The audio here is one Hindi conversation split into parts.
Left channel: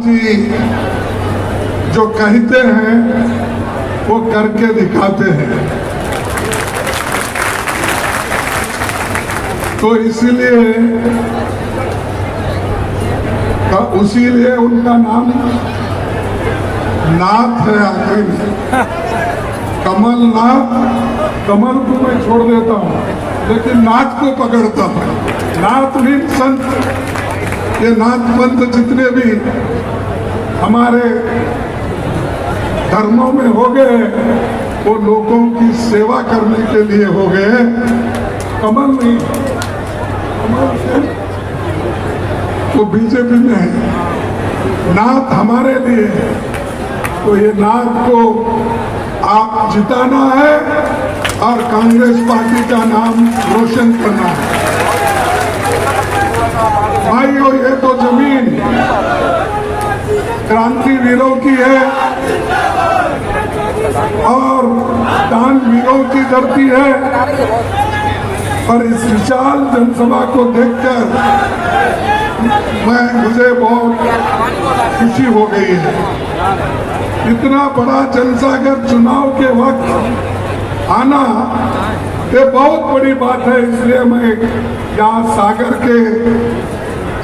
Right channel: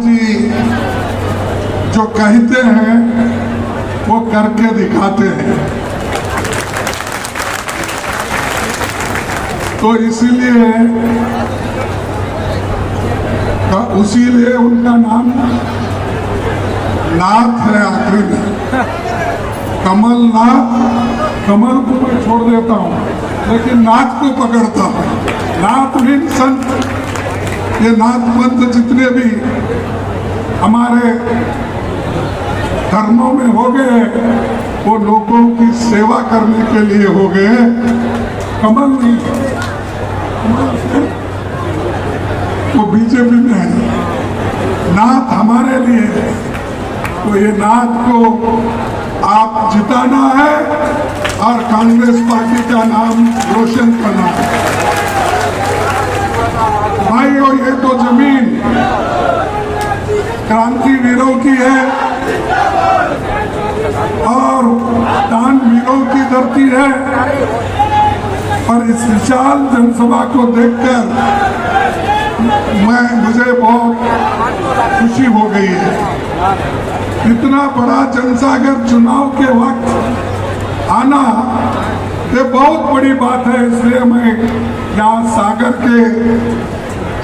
जी जो कहते हैं वो करके दिखाते हैं, तो इसीलिए उनका नाम नाथ है आखिर में। कमलनाथ, कमल को मैं छोड़ देता हूँ लेकिन नाथ को पकड़ता हूँ। नाथ भी संत, ये नाथ पंथ जितने भी हमारे धर्मों में हो गए वो लोगों की सेवा करने के लिए हो गए। कमल नहीं, वो बीजेपी में है, नाथ हमारे लिए। तो ये नाथ को आप जिताना है और कांग्रेस पार्टी का नाम रोशन करना है भाई। और ये तो जमीन क्रांतिवीरों की है और दानवीरों की धरती है, पर इस विशाल जनसभा को देखकर मुझे बहुत खुशी हो गई है। इतना बड़ा जनसागर चुनाव के वक्त आना ये बहुत बड़ी बात है। इसलिए मैं यहाँ सागर के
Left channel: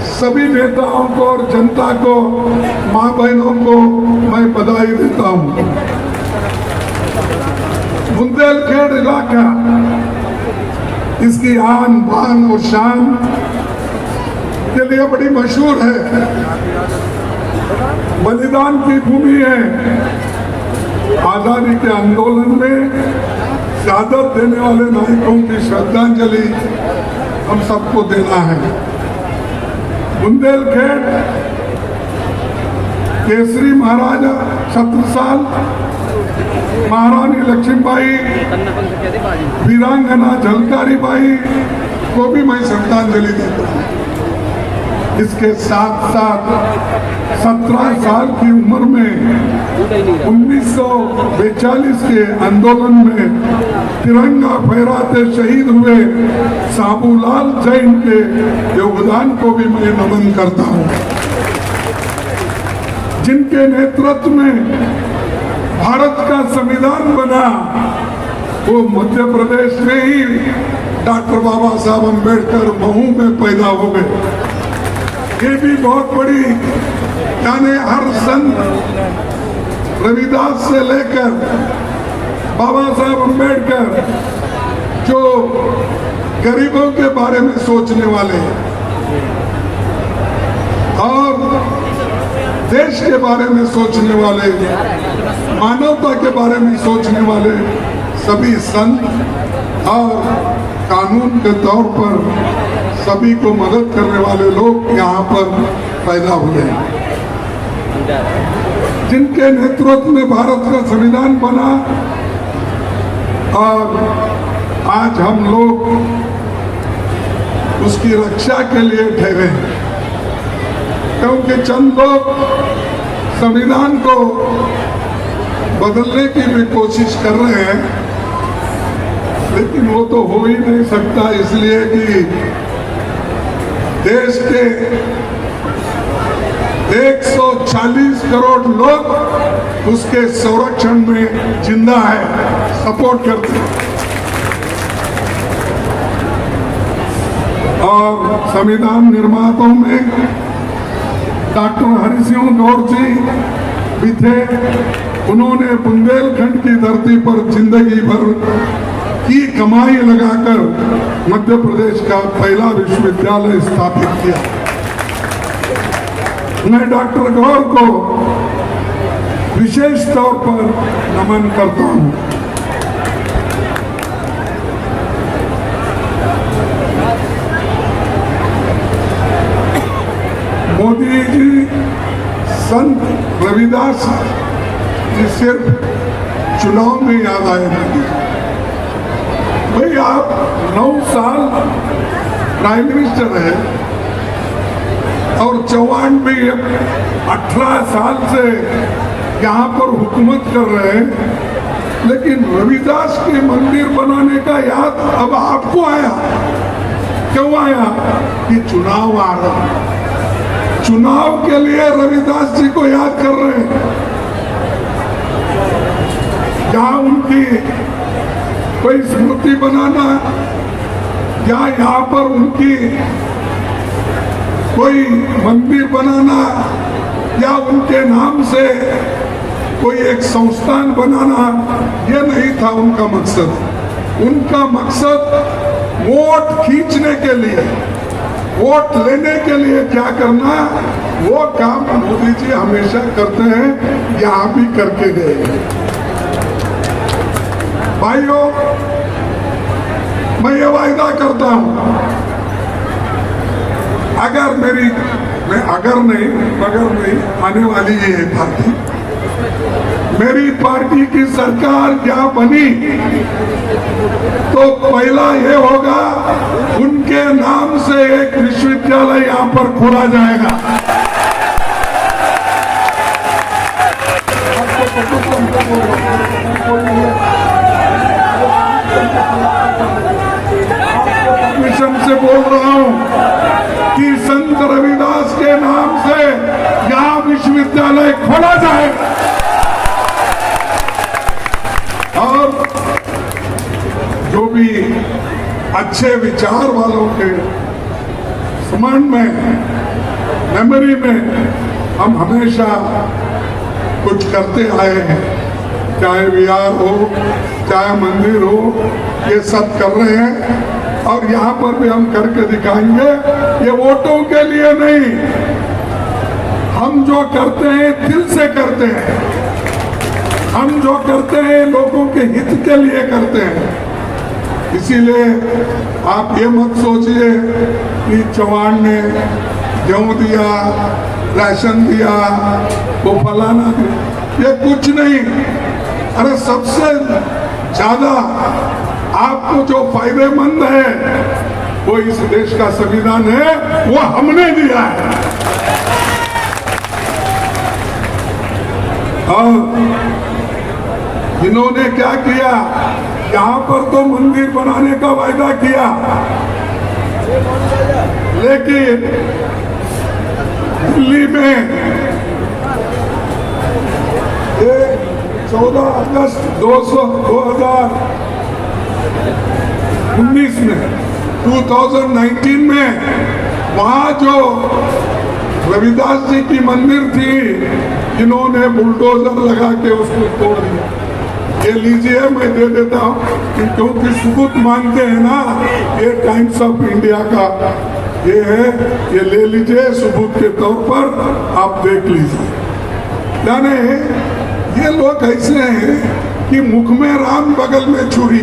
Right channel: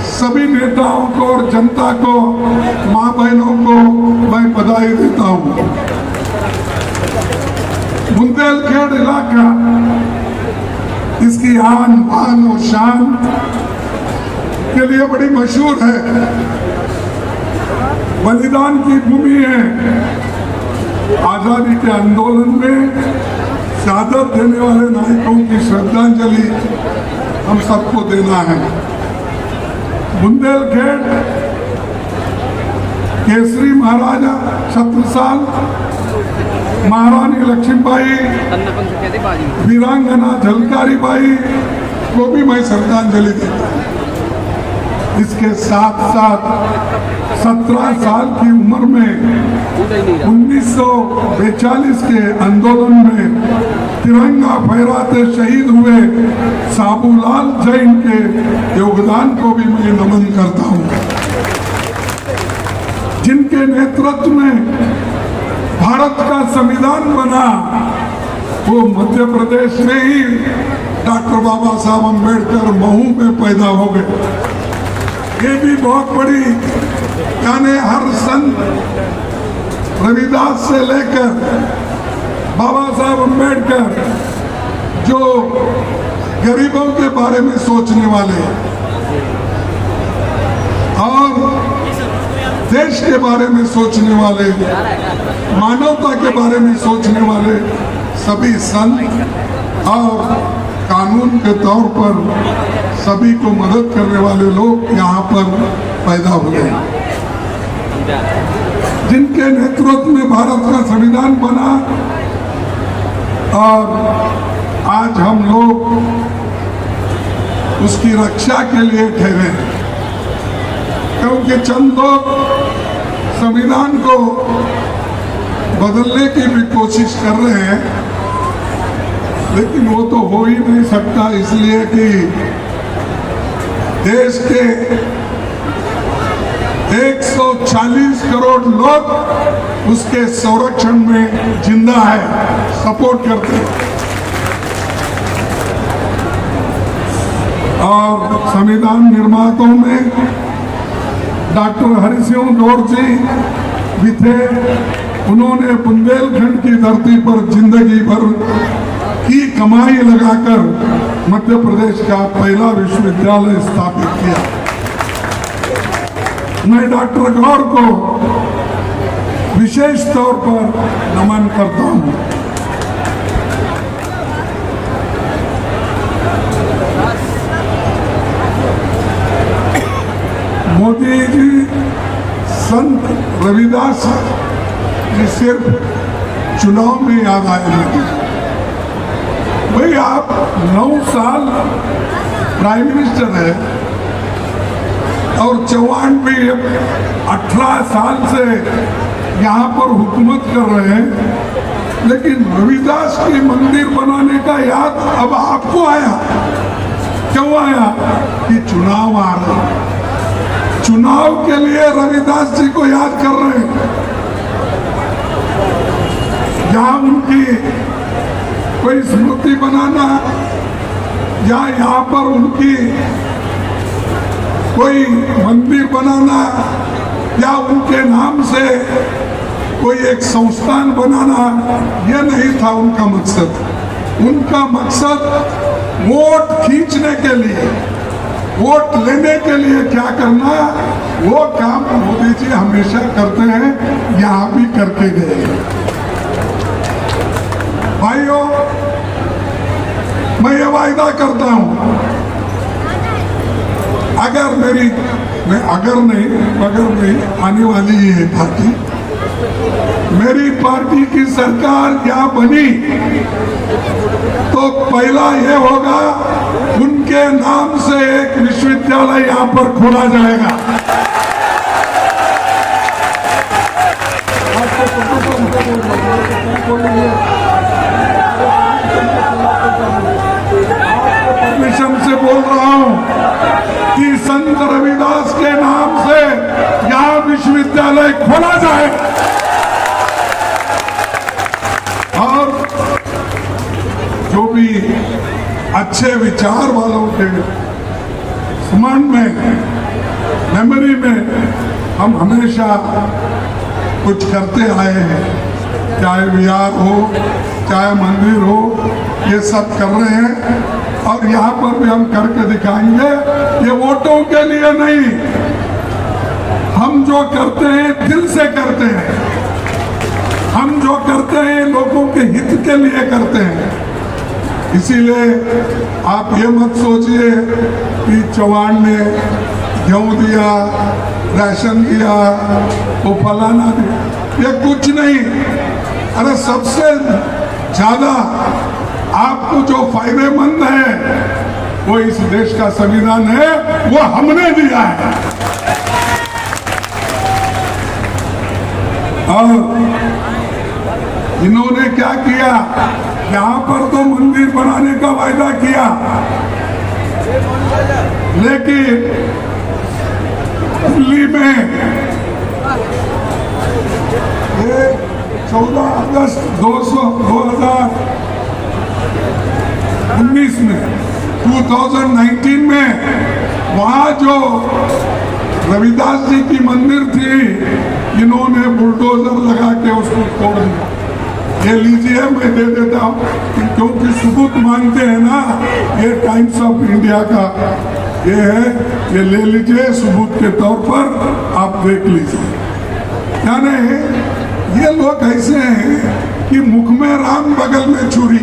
सभी नेताओं को और जनता को, माँ बहनों को मैं बधाई देता हूँ। बुंदेलखंड इलाका इसकी आन बान और शान के लिए बड़ी मशहूर है, बलिदान की भूमि है। आजादी के आंदोलन में शहादत देने वाले नायकों की श्रद्धांजलि हम सबको देना है। बुंदेलखंड केसरी महाराजा छत्रसाल, महारानी लक्ष्मीबाई, वीरांगना झलकारी बाई को भी मैं श्रद्धांजलि देता हूँ। इसके साथ साथ 17 साल की उम्र में 1942 के आंदोलन में तिरंगा फहराते शहीद हुए साबूलाल जैन के योगदान को भी मैं नमन करता हूँ, जिनके नेतृत्व में भारत का संविधान बना। वो मध्य प्रदेश में ही डॉक्टर बाबा साहब अम्बेडकर महू में पैदा हो गए। ये भी बहुत बड़ी, यानी हर संत रविदास से लेकर बाबा साहब अम्बेडकर जो गरीबों के बारे में सोचने वाले और देश के बारे में सोचने वाले, मानवता के बारे में सोचने वाले सभी संत और कानून के तौर पर सभी को मदद करने वाले लोग यहाँ पर पैदा हुए, जिनके नेतृत्व में भारत का संविधान बना। और आज हम लोग उसकी रक्षा के लिए ठहरे हैं, क्योंकि चंद लोग संविधान को बदलने की भी कोशिश कर रहे हैं, लेकिन वो तो हो ही नहीं सकता, इसलिए कि देश के 140 करोड़ लोग उसके संरक्षण में जिंदा है, सपोर्ट करते हैं। और संविधान निर्माताओं में डॉक्टर हरि सिंह गौर जी भी थे। उन्होंने बुंदेलखंड की धरती पर जिंदगी भर की कमाई लगाकर मध्य प्रदेश का पहला विश्वविद्यालय स्थापित किया। मैं डॉक्टर गौर को विशेष तौर पर नमन करता हूं। मोदी जी संत रविदास ये सिर्फ चुनाव में याद आए लगे। भाई आप 9 साल प्राइम मिनिस्टर है और चौहान भी 18 साल से यहाँ पर हुकूमत कर रहे हैं, लेकिन रविदास की मंदिर बनाने का याद अब आपको आया। क्यों आया? कि भाव के लिए रविदास जी को याद कर रहे हैं। जहां उनकी कोई स्मृति बनाना या यहाँ पर उनकी कोई मंदिर बनाना या उनके नाम से कोई एक संस्थान बनाना, ये नहीं था उनका मकसद। उनका मकसद वोट खींचने के लिए, वोट लेने के लिए क्या करना, वो काम मोदी जी हमेशा करते हैं, यहाँ भी करके गए। भाइयों, मैं ये वायदा करता हूं, अगर नहीं आने वाली ये है पार्टी, मेरी पार्टी की सरकार क्या बनी तो पहला ये होगा, उनके नाम से एक विश्वविद्यालय यहाँ पर खोला जाएगा। मिशन से बोल रहा हूं कि संत रविदास के नाम से यहाँ विश्वविद्यालय खोला जाएगा। और जो भी अच्छे विचार वालों के स्मरण में, मेमोरी में हम हमेशा कुछ करते आए हैं, चाहे विहार हो, चाहे मंदिर हो, ये सब कर रहे हैं और यहाँ पर भी हम करके दिखाएंगे। ये वोटों के लिए नहीं, हम जो करते हैं दिल से करते हैं, हम जो करते हैं लोगों के हित के लिए करते हैं। इसीलिए आप ये मत सोचिए कि चौहान ने गेहूं दिया, राशन दिया, तो फलाना दिया, ये कुछ नहीं। अरे सबसे ज्यादा आपको जो फायदेमंद है वो इस देश का संविधान है, वो हमने दिया है। और इन्होंने क्या किया, यहाँ पर तो मंदिर बनाने का वायदा किया, लेकिन दिल्ली में ये 14 अगस्त 2019 में वहां जो रविदास जी की मंदिर थी, इन्होंने बुलडोजर लगा के उसको तोड़ दिया। ये लीजिए, मैं दे देता हूं, क्योंकि सबूत मांगते हैं ना, ये टाइम्स ऑफ इंडिया का ये है, ये ले लीजिए सबूत के तौर पर, आप देख लीजिए। यानी ये लोग ऐसे हैं कि मुख में राम बगल में छुरी।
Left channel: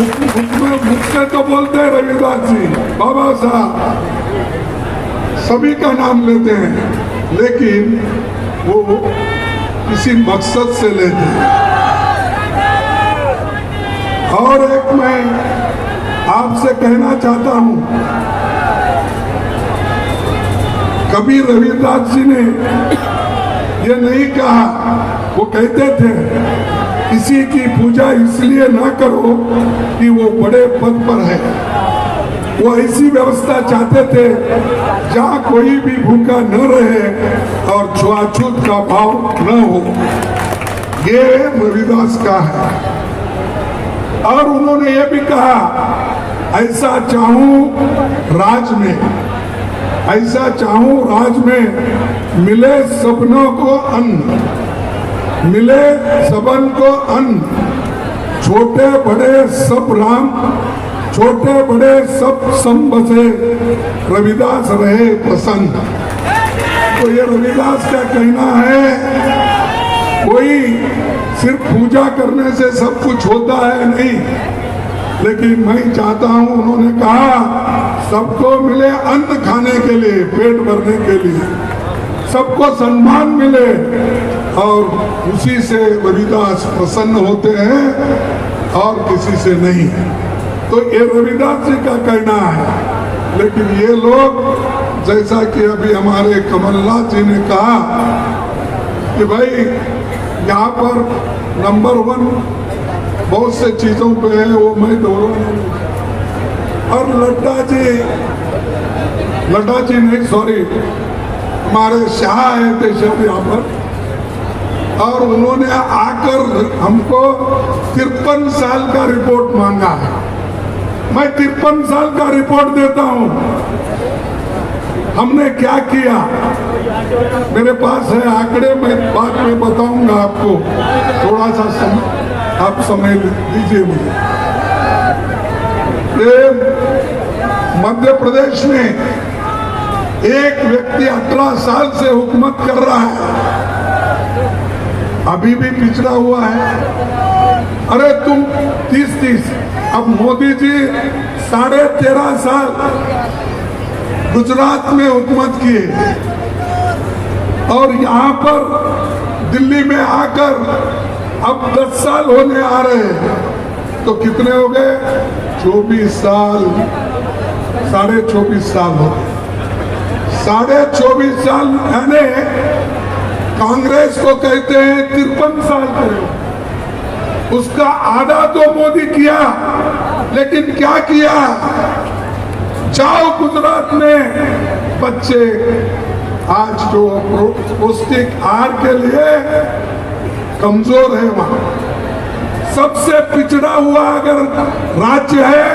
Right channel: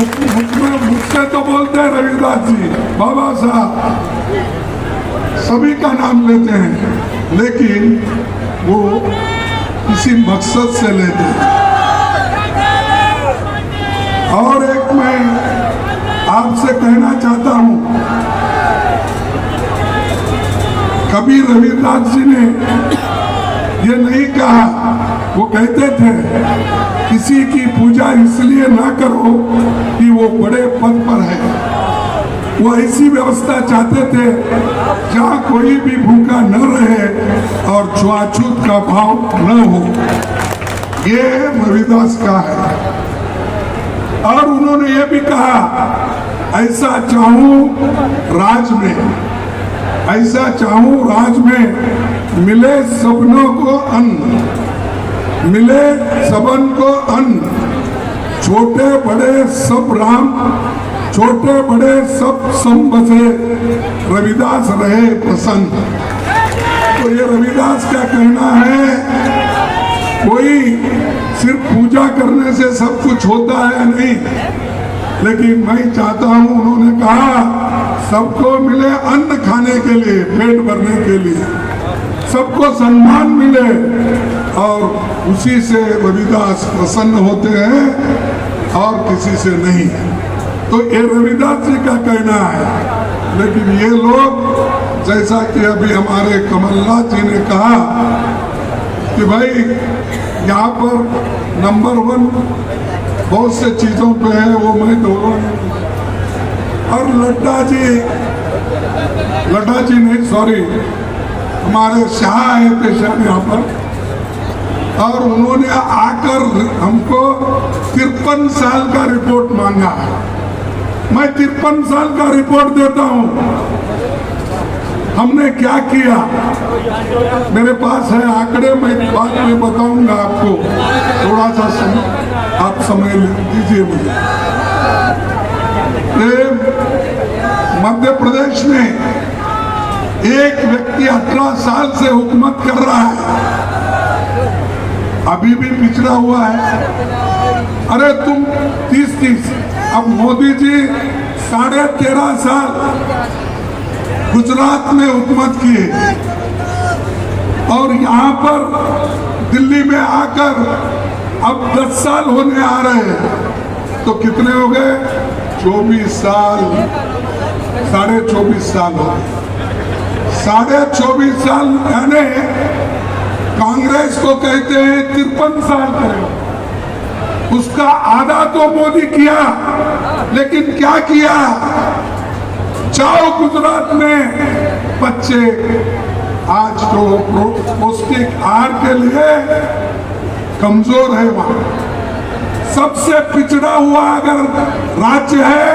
मुझसे तो बोलते हैं रविदास जी, बाबा साहब, सभी का नाम लेते हैं, लेकिन वो किसी मकसद से लेते हैं। और एक मैं आपसे कहना चाहता हूं, कभी रविदास जी ने ये नहीं कहा, वो कहते थे किसी की पूजा इसलिए ना करो कि वो बड़े पद पर है। वो ऐसी व्यवस्था चाहते थे जहां कोई भी भूखा न रहे और छुआछूत का भाव न हो। ये रविदास का है। और उन्होंने ये भी कहा, ऐसा चाहूं राज में, ऐसा चाहूं राज में मिले सबनों को अन्न, मिले सबन को अन्न, छोटे बड़े सब राम, छोटे बड़े सब सम बसे, रविदास रहे प्रसन्न। तो ये रविदास का कहना है, कोई सिर्फ पूजा करने से सब कुछ होता है नहीं, लेकिन मैं चाहता हूं, उन्होंने कहा सबको मिले अन्न खाने के लिए, पेट भरने के लिए, सबको सम्मान मिले, और उसी से रविदास प्रसन्न होते हैं और किसी से नहीं। तो ये रविदास जी का कहना है। लेकिन ये लोग, जैसा कि अभी हमारे कमलनाथ जी ने कहा कि भाई यहाँ पर नंबर 1 बहुत से चीजों पे है, वो मैं दोहरा। और लड्डा जी लड्डा जी नहीं, सॉरी, हमारे शाह आए थे शायद यहाँ पर, और उन्होंने आकर हमको 53 साल का रिपोर्ट मांगा है। मैं 53 साल का रिपोर्ट देता हूँ, हमने क्या किया। मेरे पास है आंकड़े, मैं बाद में बताऊंगा आपको, थोड़ा सा आप समय दीजिए मुझे। मध्य प्रदेश में एक व्यक्ति 18 साल से हुकूमत कर रहा है, अभी भी पिछड़ा हुआ है। अरे तुम 30-30, अब मोदी जी 13.5 साल गुजरात में हुकूमत किए, और यहाँ पर दिल्ली में आकर अब 10 साल होने आ रहे हैं, तो कितने हो गए? 24 साल, 24.5 साल हो गए। 24.5 साल यानी कांग्रेस को कहते हैं 53 साल का, उसका आधा तो मोदी किया, लेकिन क्या किया? जाओ गुजरात में बच्चे आज तो पौष्टिक आहार के लिए कमजोर है, वहां सबसे पिछड़ा हुआ अगर राज्य है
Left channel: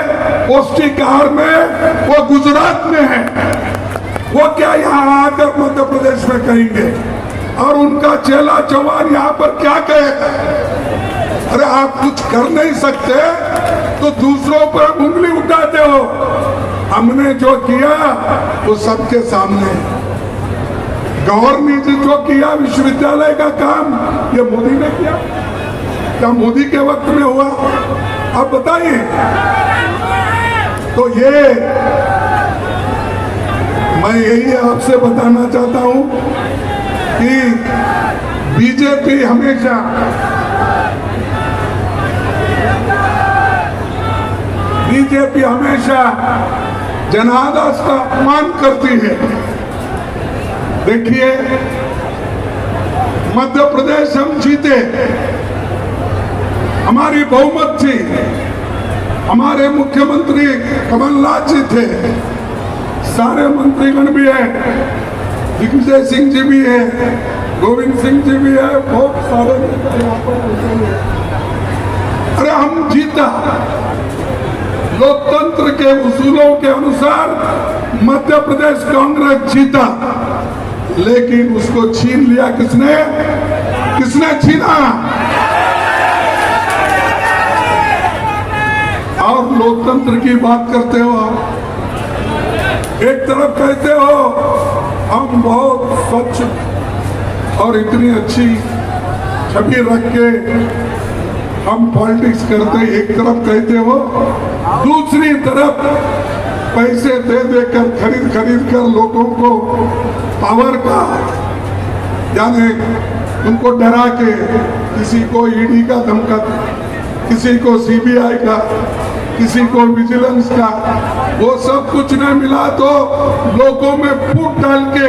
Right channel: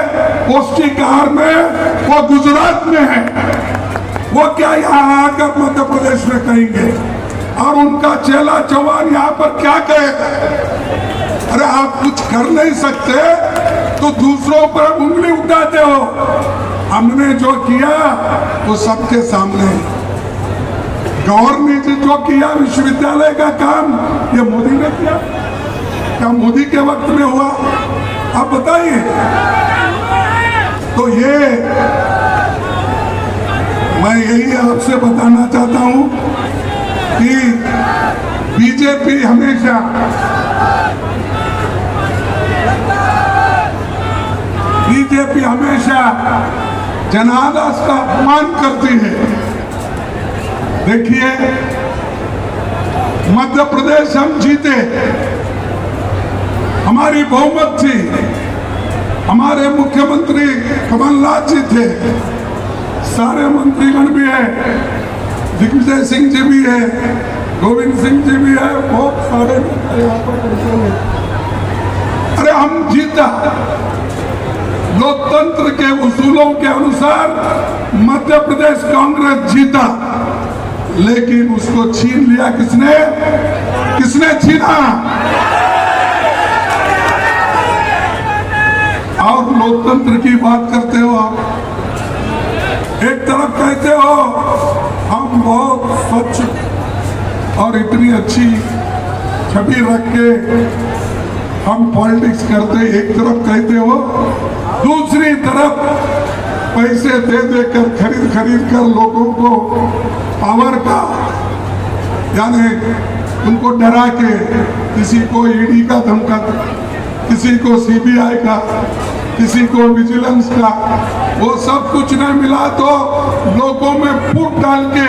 पौष्टिक आहार में, वो गुजरात में है। वो क्या यहाँ आकर मध्य प्रदेश में कहेंगे, और उनका चेला जवान यहाँ पर क्या कहेगा? अरे आप कुछ कर नहीं सकते तो दूसरों पर उंगली उठाते हो। हमने जो किया वो सबके सामने, गवर्नर जी जो किया विश्वविद्यालय का काम, ये मोदी ने किया? क्या मोदी के वक्त में हुआ? आप बताइए। तो ये मैं यही आपसे बताना चाहता हूं कि बीजेपी हमेशा जनादेश का अपमान करती है। देखिए, मध्य प्रदेश हम जीते, हमारी बहुमत थी, हमारे मुख्यमंत्री कमलनाथ जी थे, सारे मंत्रीगण भी है, दिग्विजय सिंह जी भी है, गोविंद सिंह जी भी है, बहुत सारे। अरे हम जीता, लोकतंत्र के उसूलों के अनुसार मध्य प्रदेश कांग्रेस जीता, लेकिन उसको छीन लिया किसने? किसने छीना? आप लोकतंत्र की बात करते हो, एक तरफ कहते हो हम बहुत स्वच्छ और इतनी अच्छी छवि रख के हम पॉलिटिक्स करते, एक तरफ कहते हो, दूसरी तरफ पैसे दे देकर खरीद कर लोगों को पावर का, यानी उनको डरा के, किसी को ईडी का धमका, किसी को सीबीआई का, किसी को विजिलेंस का, वो सब कुछ नहीं मिला तो लोगों में फूट डाल के,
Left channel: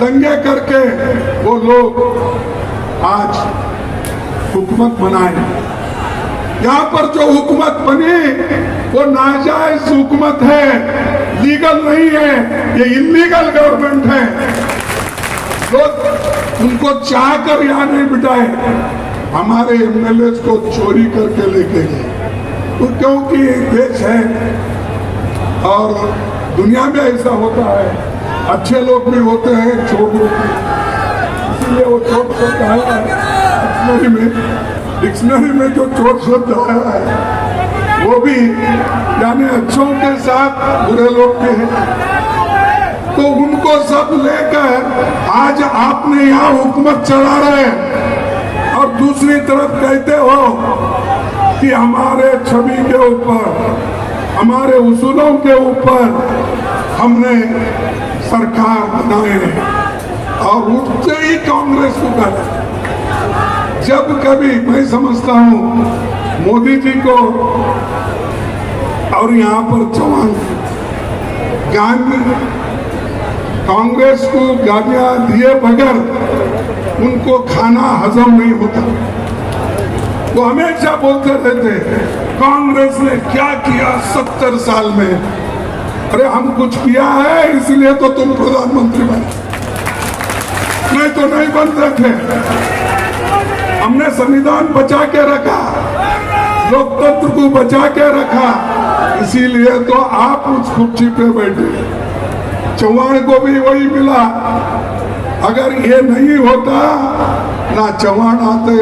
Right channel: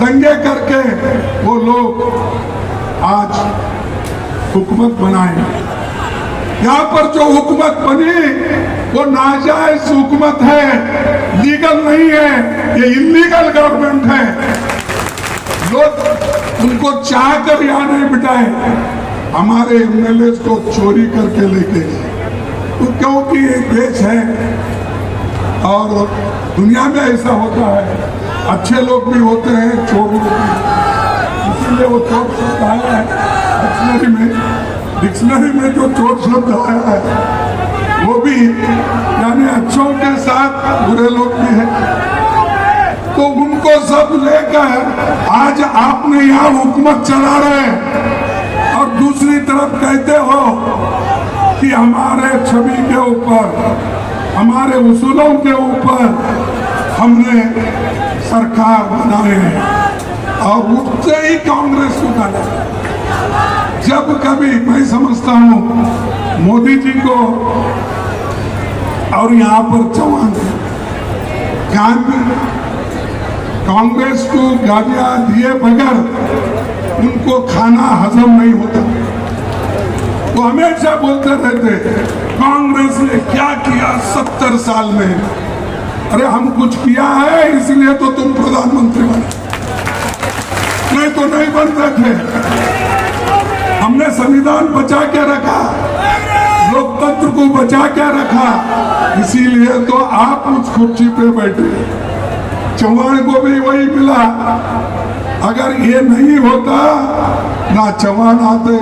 दंगे करके वो लोग आज हुकूमत बनाए। यहाँ पर जो हुकूमत बनी वो नाजायज हुकूमत है, लीगल नहीं है, ये इलीगल गवर्नमेंट है। लोग उनको चाह कर यहाँ नहीं बिठाए, हमारे एमएलए को चोरी करके लेके गए। तो क्योंकि देश है और दुनिया में ऐसा होता है, अच्छे लोग भी होते हैं, चोर लोग भी, इसलिए वो चोर शब्द आया है डिक्शनरी में जो चोर शब्द आया है वो भी यानी अच्छों के साथ बुरे लोग भी हैं। तो उनको सब लेकर आज आपने यहाँ हुकूमत चला रहे हैं, और दूसरी तरफ कहते हो कि हमारे छवि के ऊपर, हमारे उसूलों के ऊपर हमने सरकार बनाए हैं, और उससे ही कांग्रेस उतारा। जब कभी मैं समझता हूं मोदी जी को और यहाँ पर जवान कांग्रेस को गालियां दिए बगैर उनको खाना हजम नहीं होता, तो हमेशा बोलते रहते कांग्रेस ने क्या किया 70 साल में। अरे हम कुछ किया है इसलिए तो तुम प्रधानमंत्री बने, नहीं तो नहीं बनते थे। हमने संविधान बचा के रखा, लोकतंत्र को बचा के रखा, इसीलिए तो आप उस कुर्सी पे बैठे। चौहान को भी वही मिला। अगर ये नहीं होता, ना चौहान आते,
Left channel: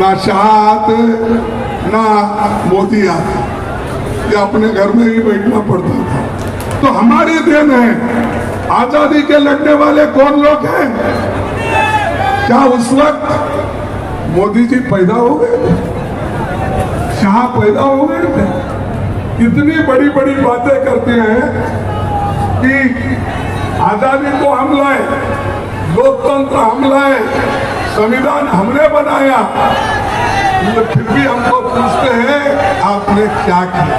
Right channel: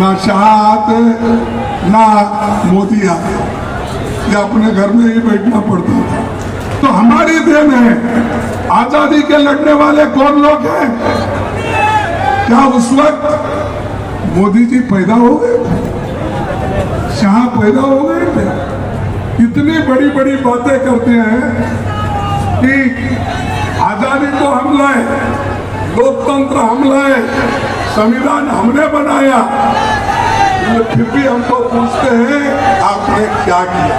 ना शाह आते, ना मोदी आते, ये अपने घर में ही बैठना पड़ता था। तो हमारे देन है। आजादी के लड़ने वाले कौन लोग हैं? क्या उस वक्त मोदी जी पैदा हो गए, शाह पैदा हो गए थे? इतनी बड़ी बड़ी बातें करते हैं कि आजादी तो हम लाए, लोकतंत्र हम लाए, संविधान हमने बनाया, तो फिर भी हमको पूछते हैं आपने क्या किया?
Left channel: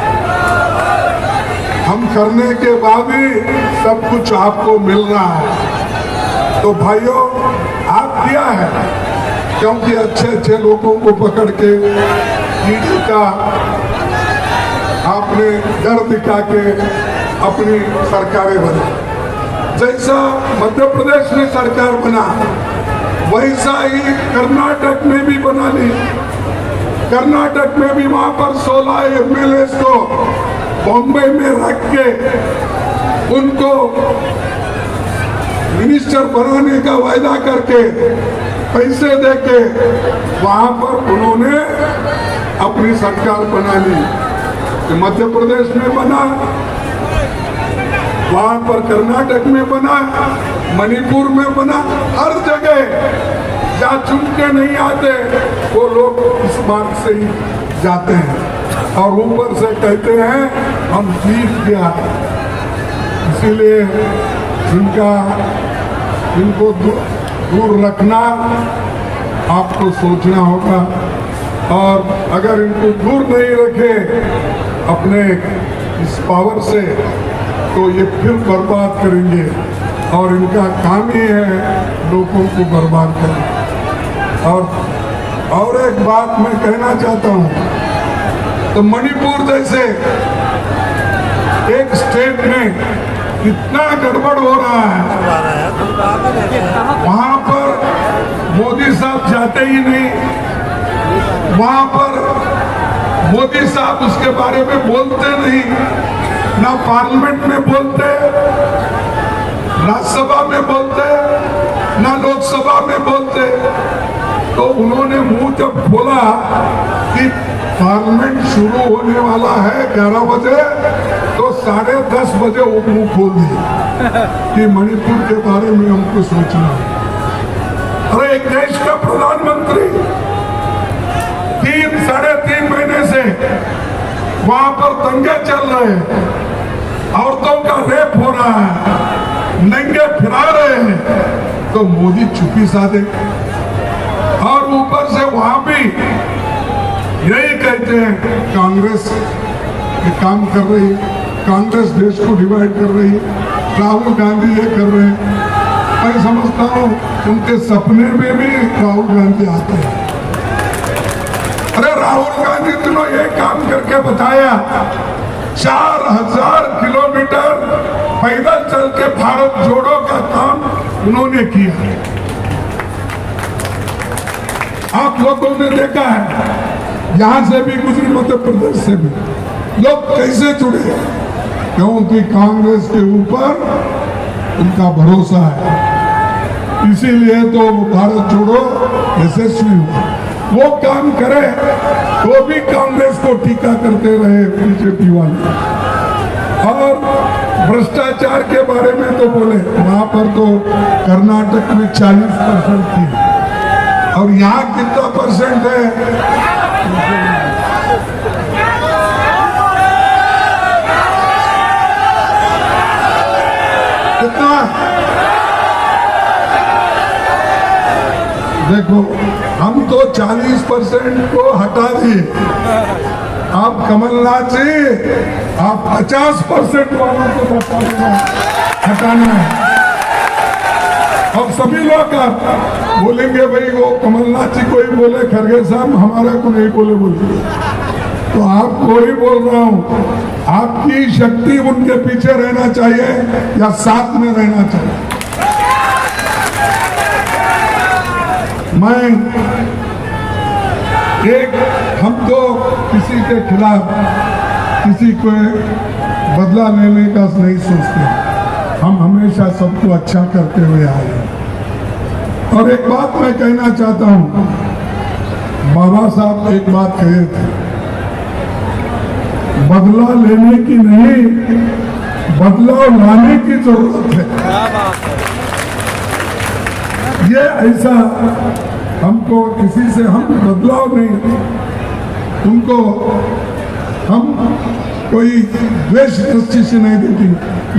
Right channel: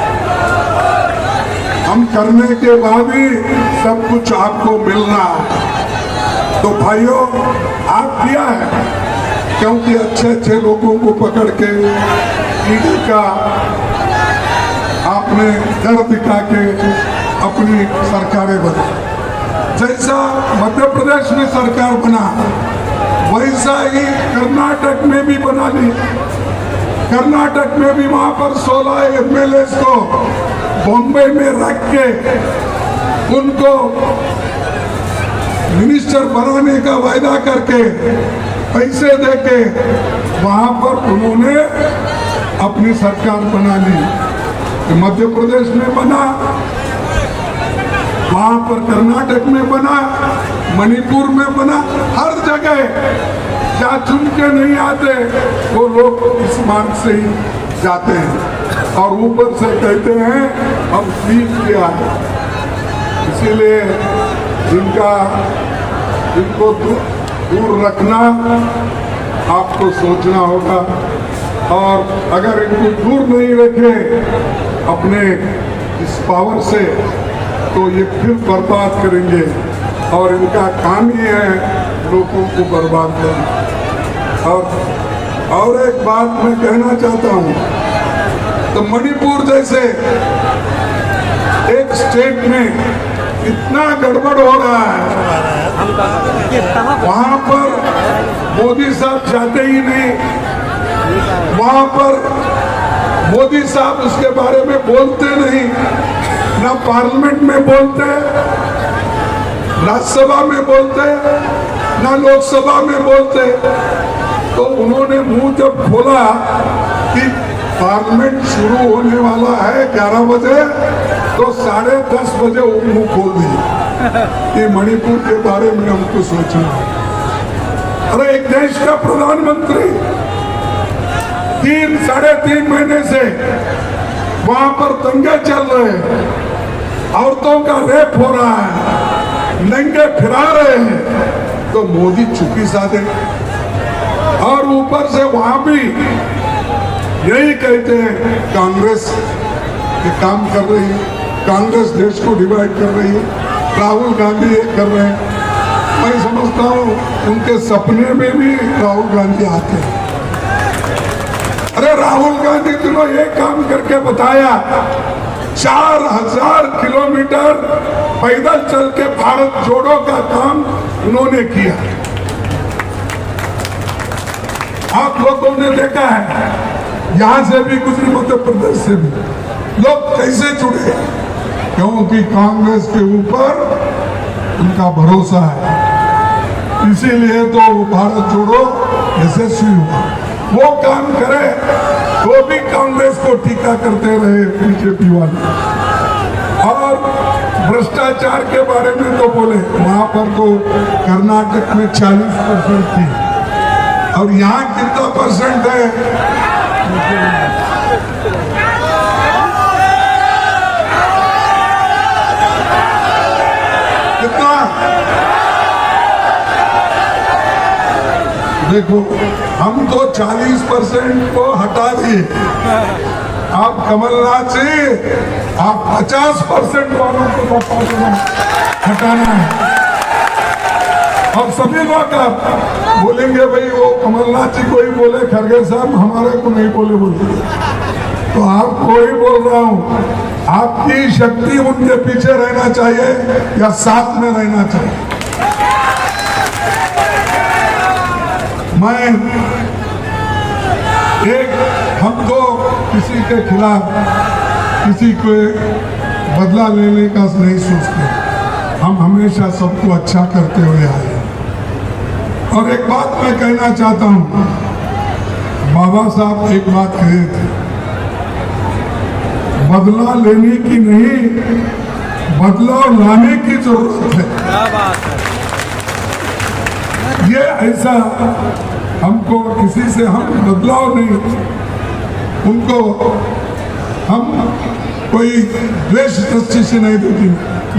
हम करने के बाद ही सब कुछ आपको मिलना है। तो भाइयों, आप किया है, क्योंकि अच्छे अच्छे लोगों को पकड़ के ईडी का आपने डर दिखा के अपनी सरकारें बना। जैसा मध्य प्रदेश में सरकार बना, वैसा ही कर्नाटक में भी बना ली। कर्नाटक में भी वहां पर 16 एमएलए को बॉम्बे में रख के उनको मिनिस्टर बनाने का वायदा करके पैसे देके वहां पर उन्होंने अपनी सरकार बना ली। मध्य प्रदेश में बना, वहां पर कर्नाटक में बना, मणिपुर में बना, हर जगह क्या चुन के नहीं आते तो लोग इस मार्ग से ही जाते हैं और ऊपर से कहते हैं हम जीत गया। इसीलिए इनको दूर रखना आपको सोचना होगा, और अगर इनको दूर नहीं रखे अपने इस पावर से तो ये फिर बर्बाद करेंगे, और इनका काम ही है लोगों को बर्बाद करना। और एक बात मैं कहना चाहता हूं, तो मणिपुर जैसे एक स्टेट में इतना गड़बड़ हो रहा है, वहां पर मोदी साहब जाते ही नहीं, वहां पर मोदी साहब उसके बारे में बोलते नहीं, ना पार्लियामेंट में बोलते, ना सभा में बोलते, ना लोकसभा में बोलते। तो उन्होंने मुंह जब खोला कि पार्लियामेंट शुरू होने वाला है 11 बजे, तो 10:30 बजे वो मुंह खोल दिया कि मणिपुर के बारे में हमको सोचना है। अरे एक देश का प्रधानमंत्री 3-3.5 महीने से वहां पर दंगे चल रहे हैं, औरतों का रेप हो रहा है, नंगे फिरा रहे हैं, तो मोदी चुप्पी साधे। और ऊपर से वहां भी यही कहते हैं कांग्रेस ये काम कर रही है, कांग्रेस देश को डिवाइड कर रही है, राहुल गांधी ये कर रहे हैं। मैं समझता हूं उनके सपने में भी राहुल गांधी आते हैं। अरे राहुल गांधी ने ये काम करके बताया, 4000 किलोमीटर पैदल चल के भारत जोड़ो का काम उन्होंने किया। आप लोगों ने देखा है, यहां से भी गुजरी, मध्य प्रदेश से भी लोग कैसे जुड़े, क्योंकि कांग्रेस के ऊपर उनका भरोसा है, इसीलिए तो वो भारत जोड़ो यशस्वी हुआ। वो काम करे वो भी कांग्रेस को टीका करते रहे बीजेपी वाले, और भ्रष्टाचार के बारे में तो बोले, वहां पर तो कर्नाटक में 40% थी, और यहाँ कितना परसेंट है? कितना? देखो, हम तो 40% को हटा दिए, आप कमलनाथ जी आप 50% वालों को बता देना हटाना। और सभी लोग बोलेंगे भाई वो कमलनाथ जी को ही बोले, खरगे साहब हमारे को नहीं बोले, बोलेंगे तो आपको ही बोल रहा हूं, आपकी शक्ति उनके पीछे रहना चाहिए या साथ में रहना चाहिए। मैं हम तो किसी के खिलाफ किसी को बदला लेने का नहीं सोचते, हम हमेशा सबको अच्छा करते हुए आए। और एक बात मैं कहना चाहता हूं, बाबा साहब एक बात कहे थे, बदला लेने की नहीं, बदलाव लाने की जरूरत है। क्या बात है। ये ऐसा हमको किसी से हम बदलाव नहीं, उनको हम कोई द्वेष दृष्टि से नहीं देती,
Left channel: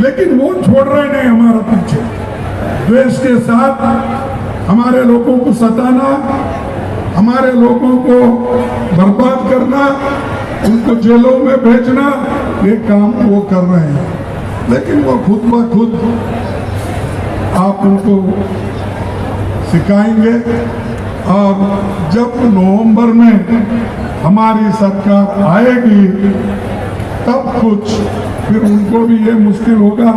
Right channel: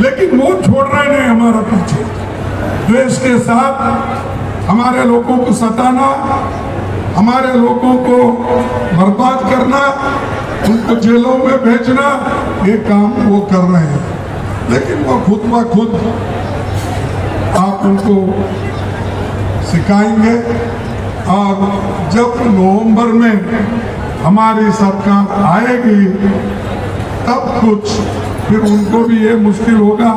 लेकिन वो छोड़ रहे नहीं हमारा पीछे। द्वेष के साथ हमारे लोगों को सताना, हमारे लोगों को बर्बाद करना, उनको जेलों में भेजना, ये काम वो कर रहे हैं। लेकिन वो खुद ब खुद आप उनको सिखाएंगे, और जब नवंबर में हमारी सरकार आएगी तब कुछ फिर उनको भी ये मुश्किल होगा,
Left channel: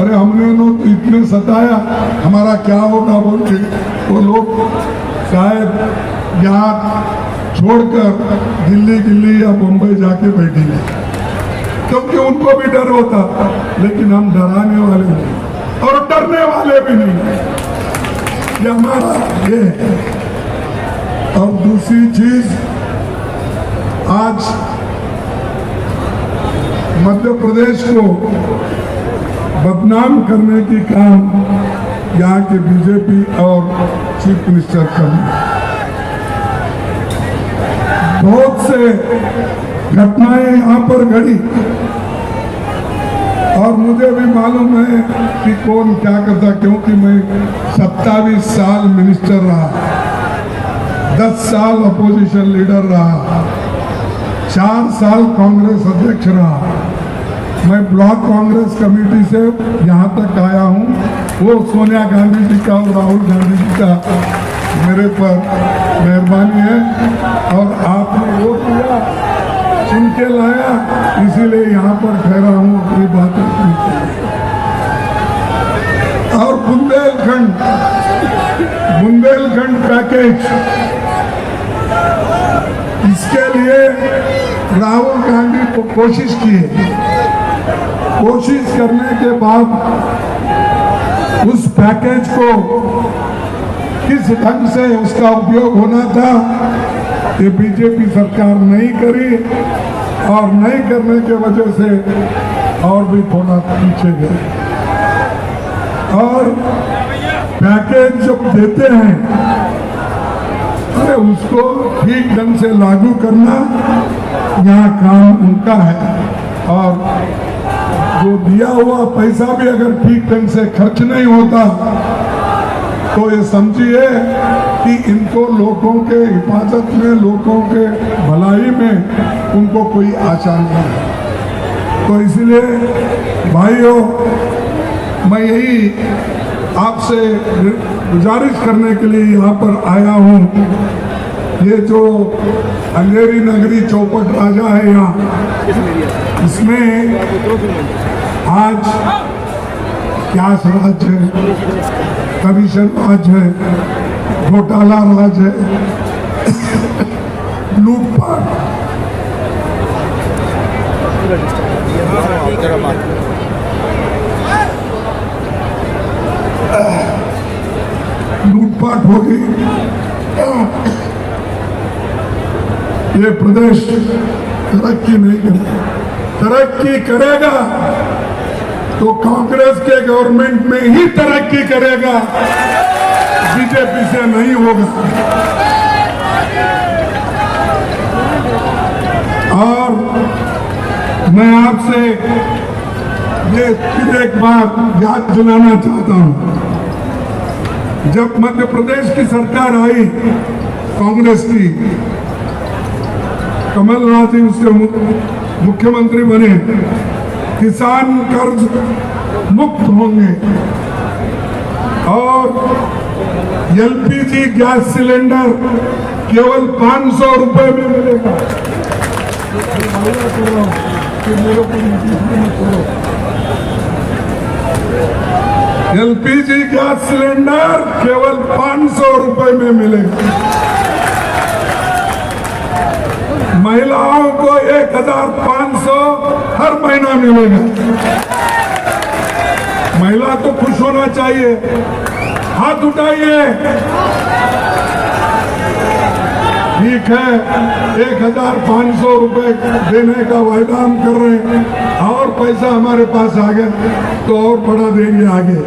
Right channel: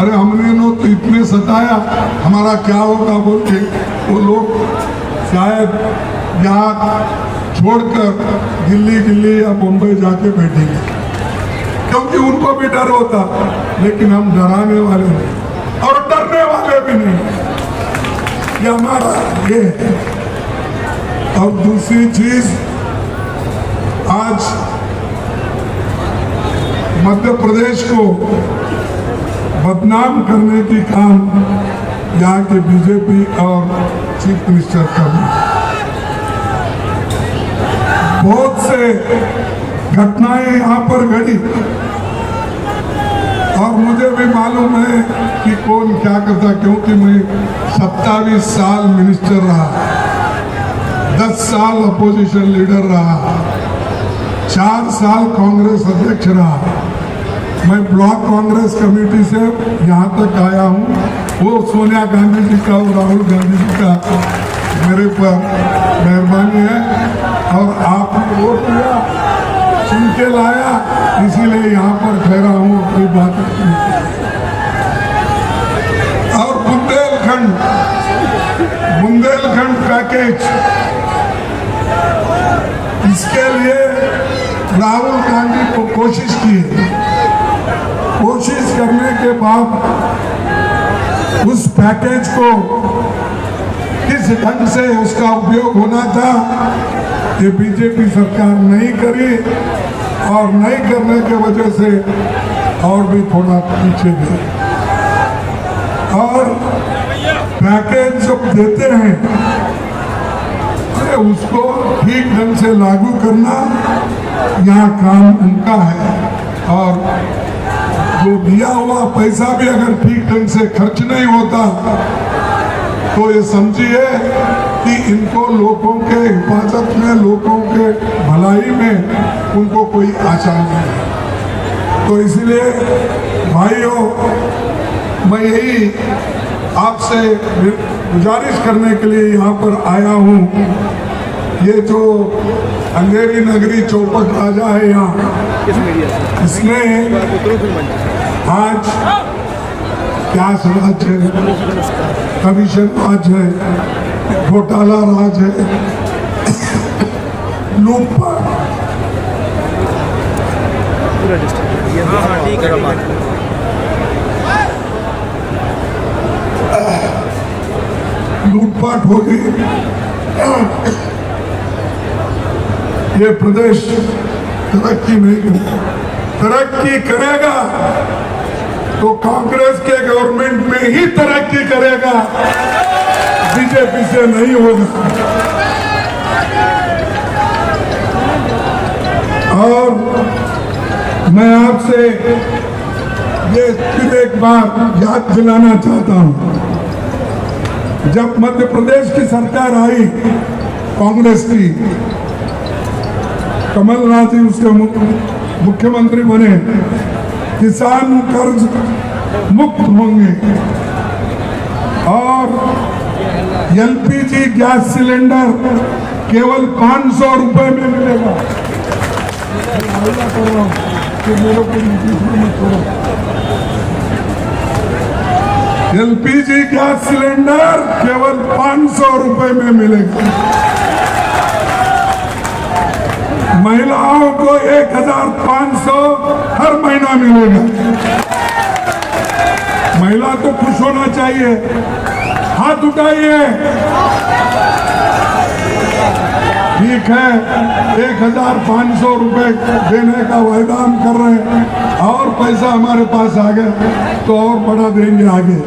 अरे हमने तो इतने सताया, हमारा क्या होगा बोल के वो लोग शायद यहाँ छोड़कर दिल्ली या बॉम्बे जाके बैठेंगे, क्योंकि उनको भी डर होता। लेकिन हम डराने वाले नहीं और डरने वाले भी नहीं, ये हमारा ये है। और दूसरी चीज, आज मध्य प्रदेश को बदनाम करने की काम यहाँ के बीजेपी और चीफ मिनिस्टर कर रहे हैं। बहुत से घटनाएं यहाँ पर घटी और मुझे भी मालूम है कि कौन क्या करता, क्योंकि मैं 27 साल मिनिस्टर रहा, 10 साल अपोजिशन लीडर रहा, 4 साल कांग्रेस अध्यक्ष रहा। मैं ब्लॉक कांग्रेस कमेटी से यहाँ तक आया हूँ। वो सोनिया गांधी जी का और राहुल गांधी जी का मेरे पर मेहरबानी है, और आपने वोट दिया, चुन के लाया, इसीलिए यहाँ पर ठहरा हूँ अपनी बात रखने के लिए। और बुंदेलखंड पैकेज, इसके लिए राहुल गांधी को कोशिश की है। कोशिश करने के बाद उस पैकेज को किस ढंग से उसका उपयोग होना था, ये बीजेपी सरकार नहीं करी, और नहीं करने के वजह से और भी थोड़ा पीछे गए। और पैकेज जब देते हैं तो उसको ठीक ढंग से लागू करना यहाँ काम उनका है, और जो दिया हुआ पैसा भी अगर ठीक ढंग से खर्च नहीं होता तो ये समझिए कि इनको लोगों के हिफाजत में, लोगों के भलाई में उनको कोई आशा नहीं है। तो इसलिए भाइयों, मैं यही आपसे गुजारिश करने के लिए यहाँ पर आया हूँ। ये जो अंधेरी नगरी चौपट राजा है यहाँ, इसमें आज क्या राज है, कमीशन राज है, घोटाला राज है, लूटपाट, लूटपाट होगी। ये प्रदेश तरक्की नहीं होगा, तरक्की करेगा तो कांग्रेस के गवर्नमेंट में ही तरक्की करेगा, बीजेपी से नहीं होगा। और मैं आपसे ये फिर एक बार याद दिलाना चाहता हूं, जब मध्य प्रदेश की सरकार आई कांग्रेस की, कमलनाथ जी उसके मुख्यमंत्री बने, किसान कर्ज मुक्त होंगे और एलपीजी गैस सिलेंडर केवल 500 रुपए में मिलेगा। एलपीजी गैस सिलेंडर केवल 500 रुपए में मिलेगा। महिलाओं को 1500 हर महीना मिलेगा। महिला को खुश होना चाहिए। हाथ उठाइए। ठीक है, 1500 रुपए देने का वायदा हम कर रहे हैं और पैसा हमारे पास आ गया तो और बड़ा देंगे आगे।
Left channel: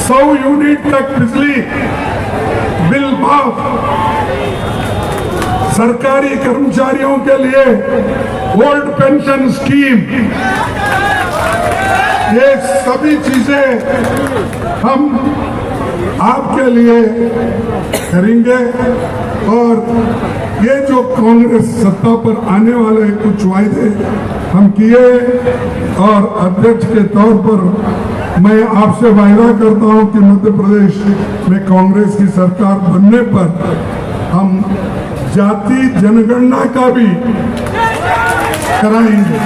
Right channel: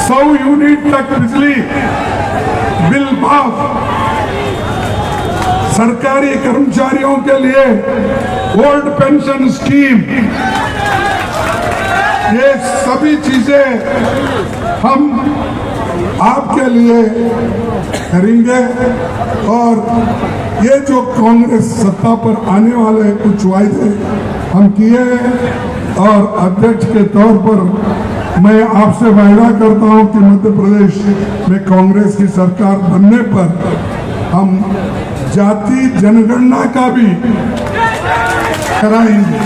100 यूनिट तक बिजली बिल माफ। सरकारी कर्मचारियों के लिए ओल्ड पेंशन स्कीम, ये सभी चीजें हम आपके लिए करेंगे। और ये जो कांग्रेस सत्ता पर आने वाले कुछ वायदे हम किए और अध्यक्ष के तौर पर मैं आपसे वायदा करता हूं कि मध्य प्रदेश में कांग्रेस की सरकार बनने पर हम जाति जनगणना का भी कराएंगे।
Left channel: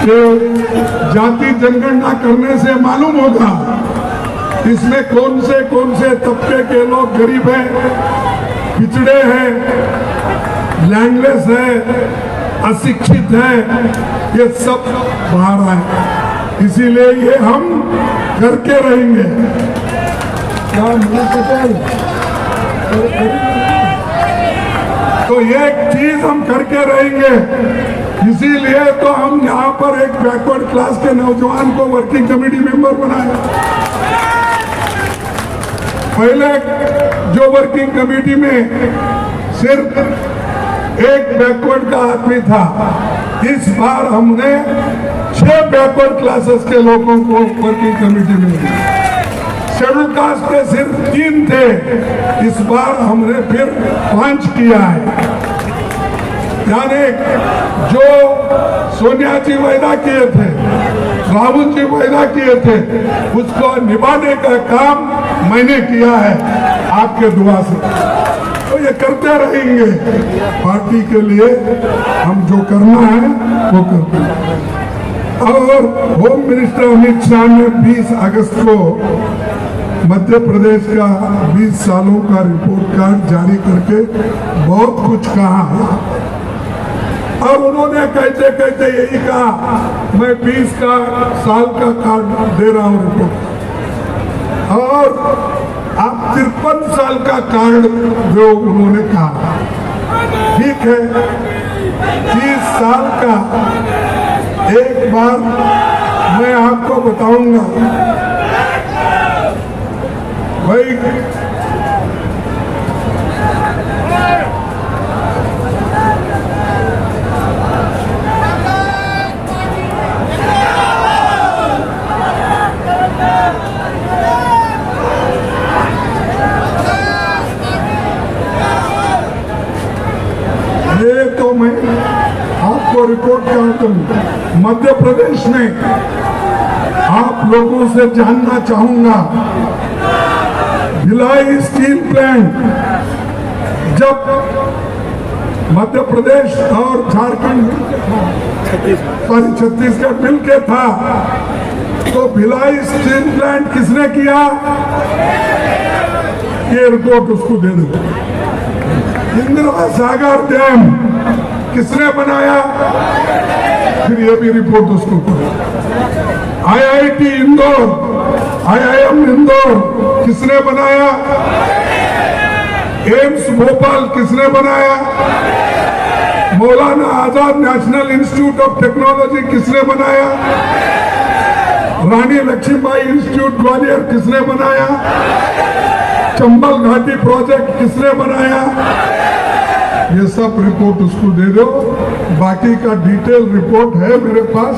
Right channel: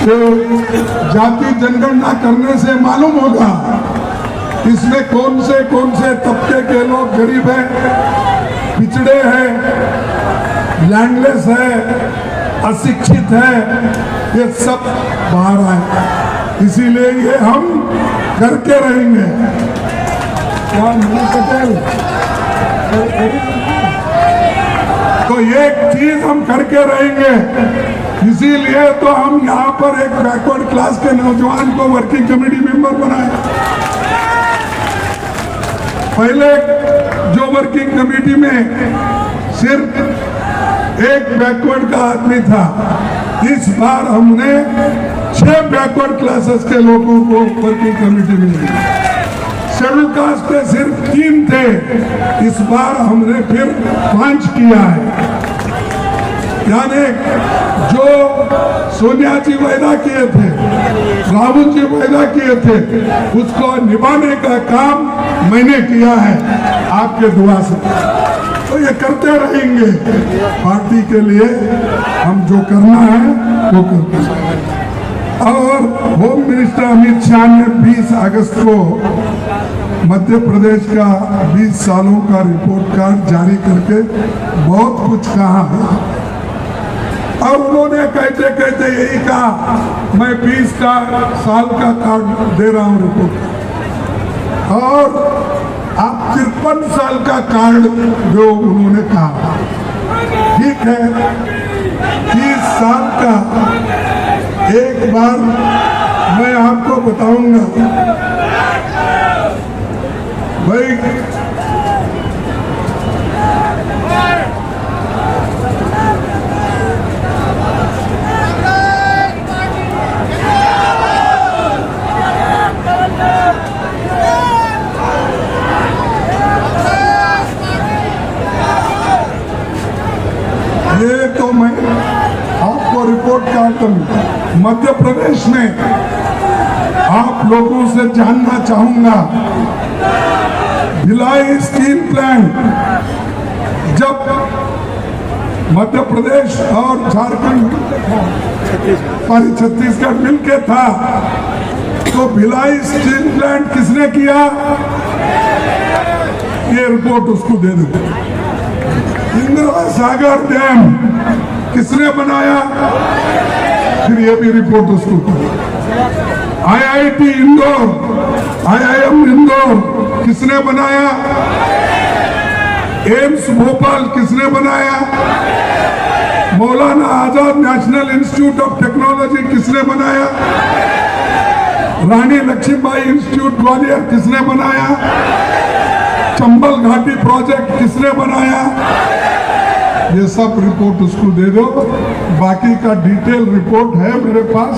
तो जाति जनगणना करने से मालूम होगा इसमें कौन से तबके के लोग गरीब हैं, पिछड़े हैं, लैंडलेस है, अशिक्षित है, ये सब बाहर आए। इसीलिए ये हम करके रहेंगे। तो ये चीज हम करके रहेंगे। इसीलिए तो हम यहाँ पर एक बैकवर्ड क्लास के नौजवान को वर्किंग कमेटी मेंबर बनाया। पहले जो वर्किंग कमेटी में सिर्फ एक बैकवर्ड का आदमी था, इस बार हमने 6 बैकवर्ड क्लासेस के लोगों को वर्किंग कमेटी में लिया। शेड्यूल कास्ट के सिर्फ 3 थे, इस बार हमने फिर 5 किया है। यानी जो सोनिया जी वायदा किए थे, राहुल जी वायदा किए थे, उसको निभाने का काम मैंने किया है आपके दुआ से। तो ये करते रहेंगे। पार्टी के लिए हम जो करना है वो करते हैं। और होम मिनिस्टर अमित शाह ने 20 अगस्त को मध्य प्रदेश का 20 सालों का रिपोर्ट कार्ड जारी करके बहुत कुछ कहा और उन्होंने कहते कहते यही कहा मैं 20 साल का कार्ड दे रहा हूं रिपोर्ट और आप 53 साल का कार्ड जो उन्होंने कहा। ठीक है, 30 साल का एक बार मैं आपको बताऊंगा भाई। ये तो मैं आपको रिपोर्ट कार्ड दूंगा। मध्य प्रदेश में आप लोगों से जानना चाहूंगा, भिलाई स्टील प्लांट जब मध्य प्रदेश और झारखंड छत्तीसगढ़ मिलके था तो भिलाई स्टील प्लांट किसने किया, ये रिपोर्ट उसको दे दो। इंदिरा सागर डैम किसने बनाया, फिर ये भी रिपोर्ट उसको दो। आईआईटी इंदौर, आईआईएम इंदौर किसने बनाया, एम्स भोपाल किसने बनाया, Maulana Azad national institute of technology किसने बनाया, रानी लक्ष्मीबाई इंस्टीट्यूट ग्वालियर किसने बनाया, चंबल घाटी प्रोजेक्ट किसने बनाया, ये सब रिपोर्ट उसको दे दो। बाकी का डिटेल रिपोर्ट है मेरे पास।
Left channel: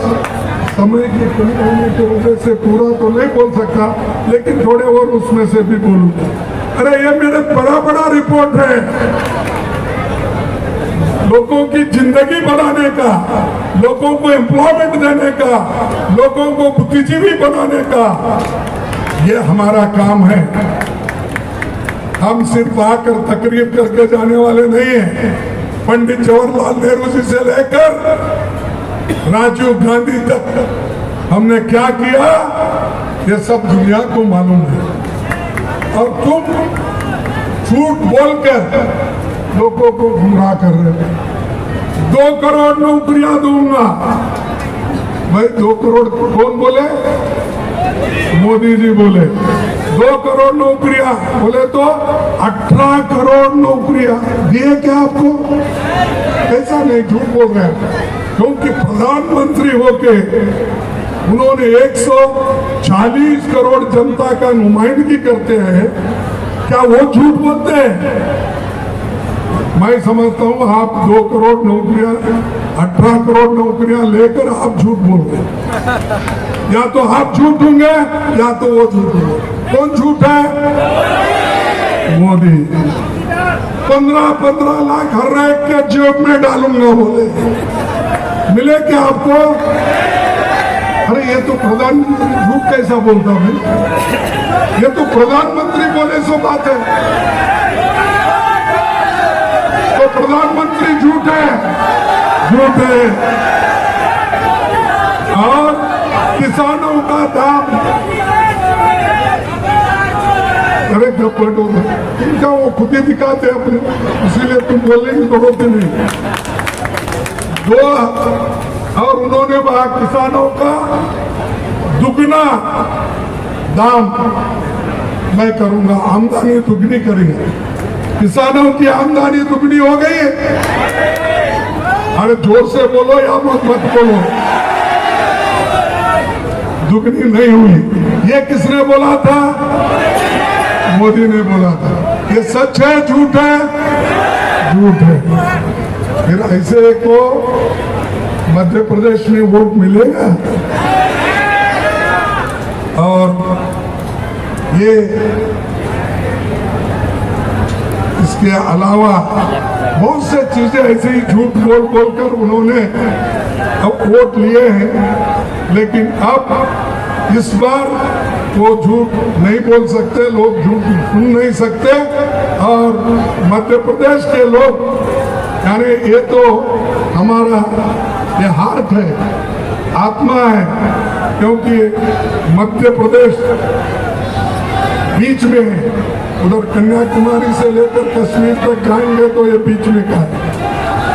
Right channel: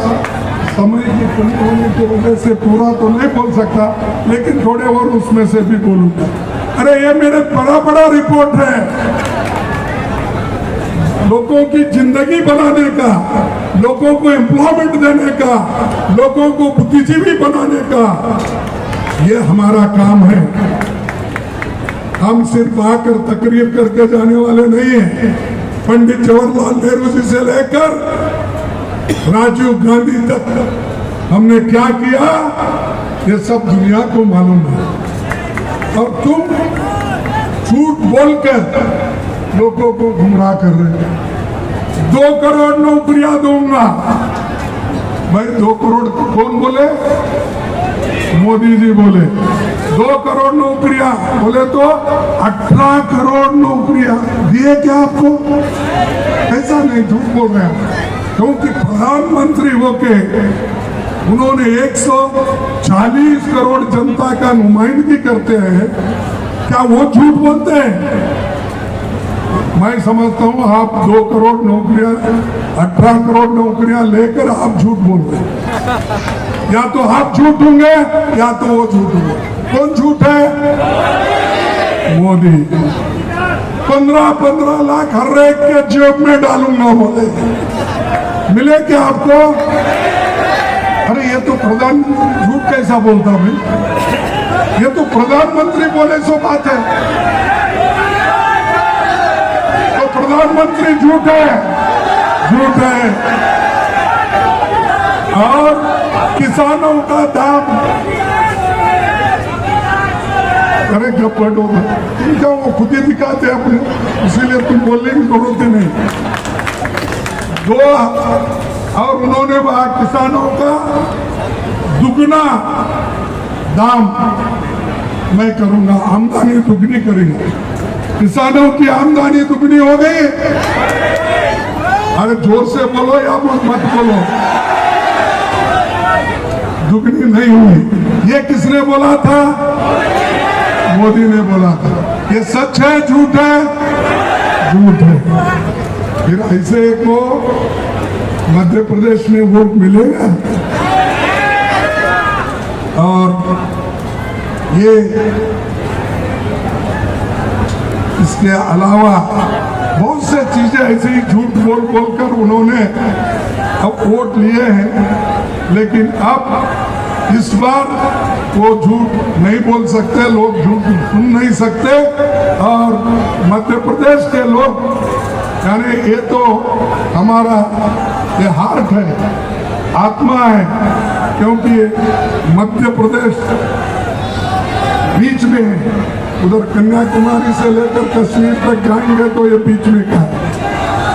समय की कमी होने की वजह से पूरा तो नहीं बोल सकता, लेकिन थोड़े और उसमें से भी बोलूंगा। अरे ये मेरे बड़ा रिपोर्ट है, लोगों की जिंदगी बनाने का, लोगों को एम्प्लॉयमेंट देने का, लोगों को बुद्धिजीवी बनाने का, ये हमारा काम है। हम सिर्फ आकर तकरीर करके जाने वाले नहीं हैं। पंडित जवाहरलाल नेहरू जी से लेकर राजीव गांधी तक हमने क्या किया ये सब दुनिया को मालूम है। और तुम झूठ बोलकर लोगों को गुमराह कर रहे हो। 2 करोड़ नौकरियां दूंगा। भाई 2 करोड़ कौन बोले? मोदी जी बोले 2 करोड़ नौकरियां, बोले तो 18 करोड़ नौकरियां दिए क्या आपको? ऐसा नहीं, झूठ बोल रहे हैं। क्योंकि प्रधानमंत्री होके उन्होंने 140 करोड़ जनता का नुमाइंदगी करते हैं, क्या वो झूठ बोलते हैं? मैं समझता हूं आप 2 करोड़ नौकरियां, 18 करोड़ नौकरियां लेकर आप झूठ बोल रहे हैं। या तो आप झूठ होंगे या तो वो झूठ होंगे। कौन झूठ है? मोदी। 15-15 लाख हर एक के जेब में डालूंगा बोले। मिले क्या आपको? अरे ये तो प्रधान झूठ कैसा बोलता भाई? ये तो प्रधानमंत्री बोले सो बात है। तो प्रधानमंत्री झूठ है, झूठ है। और किसानों का दाम, अरे जब तुम क्या वो खुद ही दिखाते अपने, इसीलिए तुम बोलने की जरूरत ही नहीं। वो और उन्होंने कहा किसानों का दुगना दाम मैं करूंगा, आमदनी दुगनी करेंगे। किसानों की आमदनी दुगनी हो गई। अरे जोर से बोलो या मत बोलो, दुगनी नहीं हुई। ये किसने बोला था? मोदी ने बोला था। ये सच है झूठ है? झूठ है। फिर ऐसे को मध्य प्रदेश में वोट मिलेगा? और ये इसके अलावा बहुत से चीजें ऐसी झूठ बोल बोलकर उन्होंने अब वोट लिए हैं, लेकिन अब इस बार वो झूठ नहीं बोल सकते, लोग झूठ सुन नहीं सकते। और मध्य प्रदेश के लोग, यानी ये तो हमारा ये हार्ट है, आत्मा है, क्योंकि मध्य प्रदेश बीच में, उधर कन्याकुमारी से लेकर कश्मीर तक जाएंगे तो ये बीच में का है।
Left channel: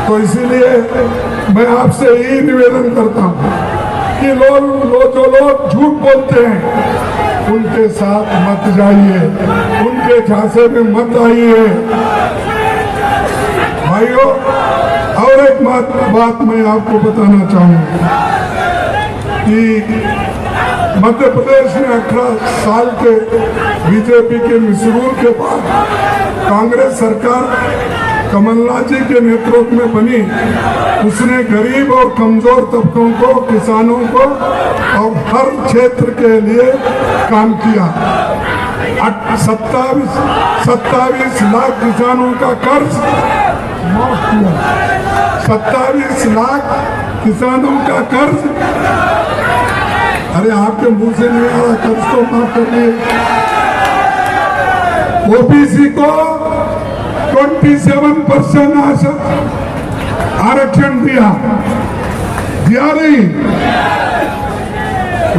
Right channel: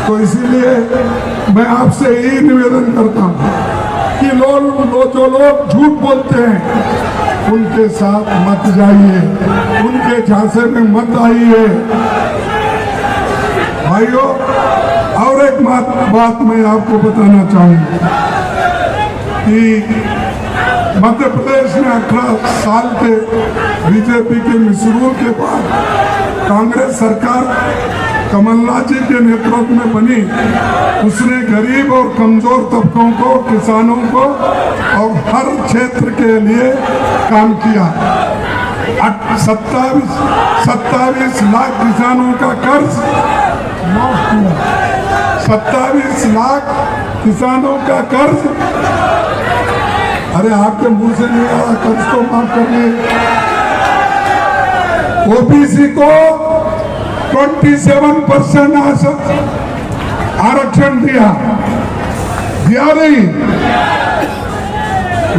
तो इसीलिए मैं आपसे यही निवेदन करता हूँ कि जो लोग झूठ बोलते हैं उनके साथ मत जाइए, उनके झांसे में मत आइए भाइयों। और एक बात मैं आपको बताना चाहूंगा कि मध्य प्रदेश में 18 साल के बीजेपी के मिसरूल के बाद कांग्रेस सरकार कमलनाथ जी के नेतृत्व में बनी। उसने गरीब और कमजोर तबकों को, किसानों को और हर क्षेत्र के लिए काम किया। 27 लाख किसानों का कर्ज माफ किया। 27 लाख किसानों का कर्ज, अरे आपके मुंह से नहीं आ रहा, कर्ज को माफ करिए। ओबीसी को 27% आरक्षण दिया नहीं।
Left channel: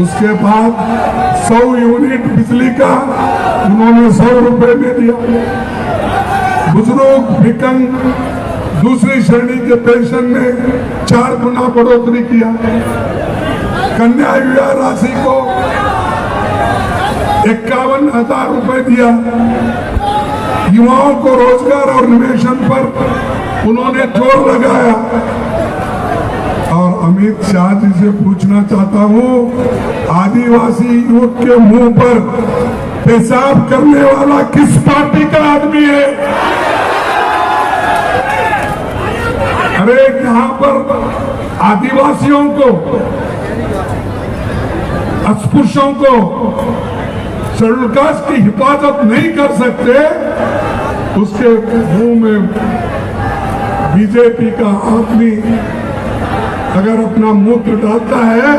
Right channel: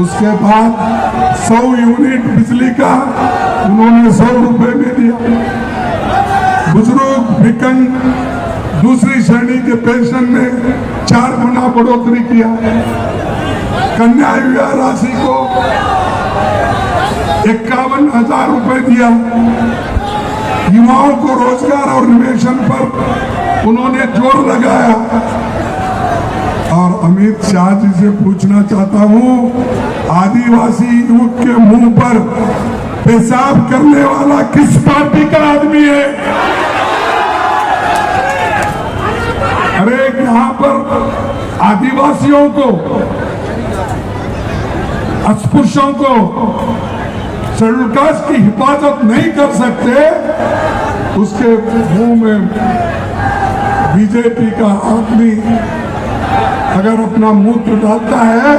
उसके बाद 100 यूनिट बिजली का उन्होंने 100 रुपए में दिया। बुजुर्ग, विकलांग, दूसरी श्रेणी के पेंशन में 4 गुना बढ़ोतरी किया। कन्या विवाह राशि को 51,000 रुपए दिया। युवाओं को रोजगार और निवेशन पर उन्होंने जोर लगाया। और अमित शाह जी से पूछना चाहता हूं, आदिवासी युवक के मुंह पर पेशाब करने वाला किस पार्टी का आदमी है? अरे यहाँ पर आदिवासियों को, अस्पृश्यों को, शेड्यूल कास्ट की हिफाजत नहीं कर सकते, उसके मुंह में बीजेपी का आदमी अगर अपना मूत्र डालता है,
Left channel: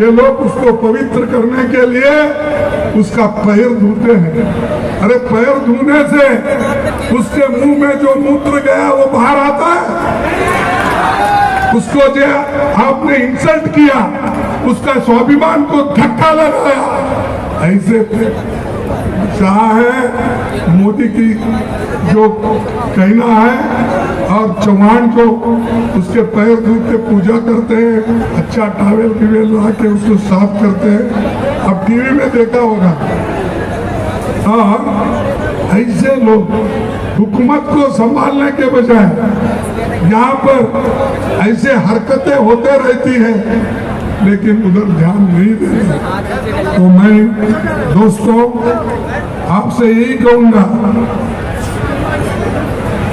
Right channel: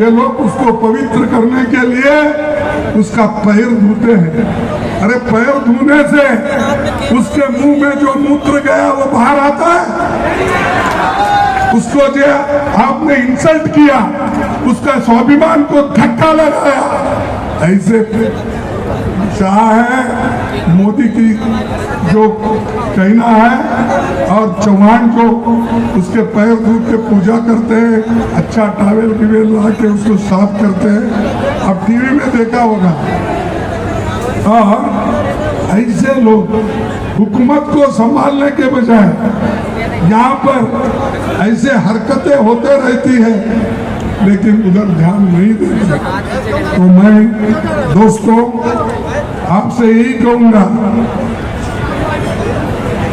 ये लोग उसको पवित्र करने के लिए उसका पैर धोते हैं। अरे पैर धोने से उसके मुंह में जो मूत्र गया वो बाहर आता है? उसको जो आपने इंसल्ट किया, उसका स्वाभिमान को धक्का लगाया, ऐसे शाह है मोदी की जो कहना है। और चौहान जो उसके पैर धो के पूजा करते हैं, अच्छा टावेल बिवेल ला के उसको साफ करते हैं, अब टीवी में देखा होगा। और ऐसे लोग हुकूमत को संभालने के बजाय यहाँ पर ऐसे हरकतें होते रहती है, लेकिन उधर ध्यान नहीं देते। तो मैं दोस्तों आपसे यही कहूंगा,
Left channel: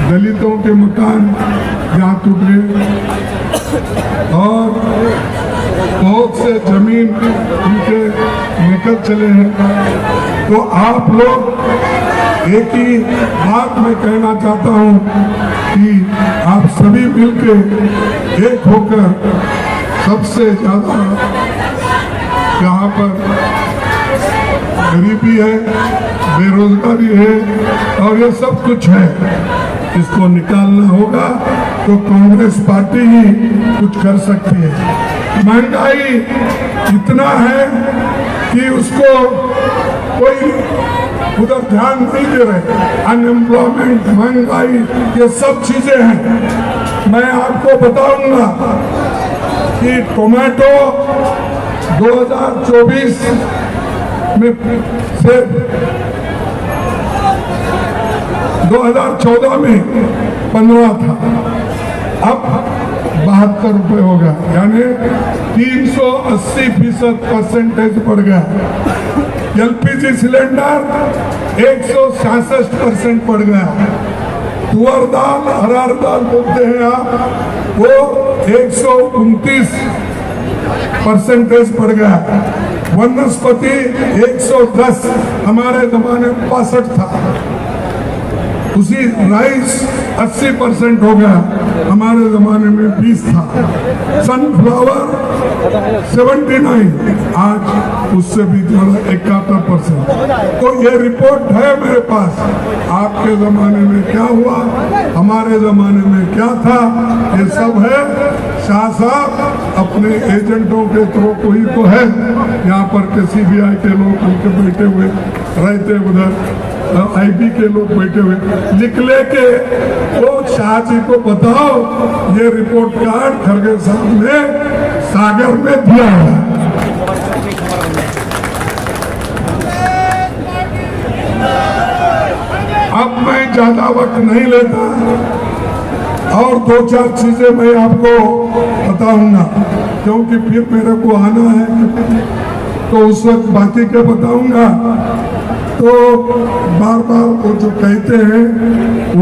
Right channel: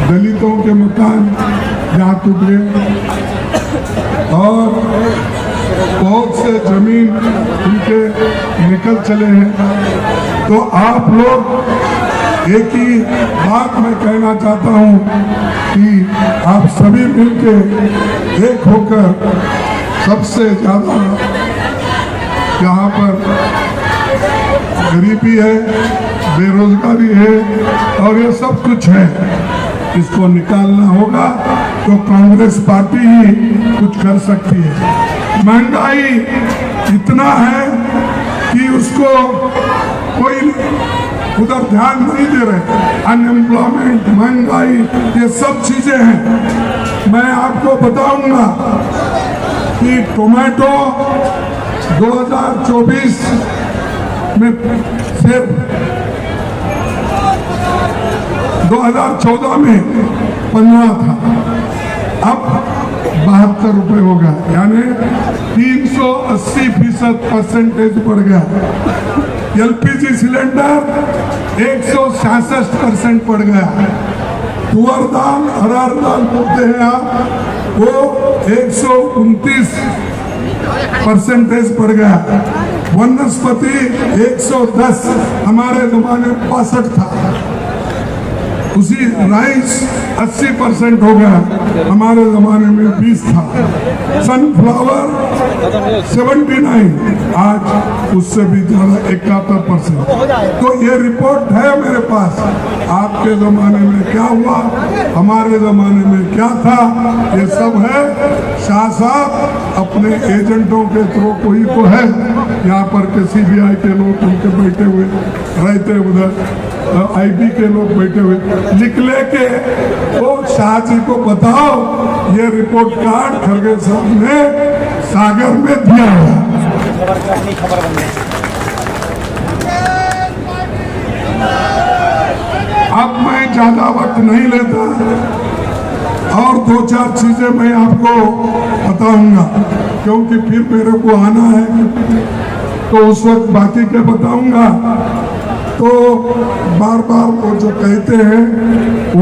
दलितों के मकान जहाँ टूटे और बहुत से जमीन उनके निकल चले हैं, तो आप लोग एक ही बात मैं कहना चाहता हूँ कि आप सभी मिलकर एक होकर सबसे ज्यादा यहाँ पर गरीबी है, बेरोजगारी है और ये सब कुछ है, इसको निकालना होगा। तो कांग्रेस पार्टी ही कुछ कर सकती है। महंगाई इतना है कि उसको कोई उधर ध्यान नहीं दे रहे। अनएम्प्लॉयमेंट, महंगाई, ये सब चीजें हैं। मैं आपको बताऊंगा कि टोमेटो 2024 में से 2014 में 15 था, अब 72 रुपए हो गया, यानी 380% बढ़ गया। एलपीजी सिलेंडर 166% बढ़ गया। तुअर दाल, हरार दाल बोलते हैं आप, वो 129% बढ़ गया। वनस्पति 110, हमारे जमाने में 65 था। उसी राइस 80% हो गया, हमारे जमाने में 20 था। सनफ्लावर 79, आज उससे भी 71%। तो ये रिपोर्ट है मेरे पास। आपके जमाने में क्या हुआ, हमारे जमाने में क्या था, ये सब है। शाह साहब अपने एजेंटों के थ्रू कोई तो है यहाँ पर के CBI के लोग उनके बैठे हुए रहते, उधर IB के लोग बैठे हुए, लिख लेके वो शाह जी को बताओ ये रिपोर्ट कार्ड खरगे साहब ने सागर में दिया है। अब मैं ज्यादा वक्त नहीं लेता और 2-4 चीजें मैं आपको बताऊंगा, क्योंकि फिर मेरे को आना है, तो उस वक्त बाकी के बताऊंगा। तो बार बार वो जो कहते हैं,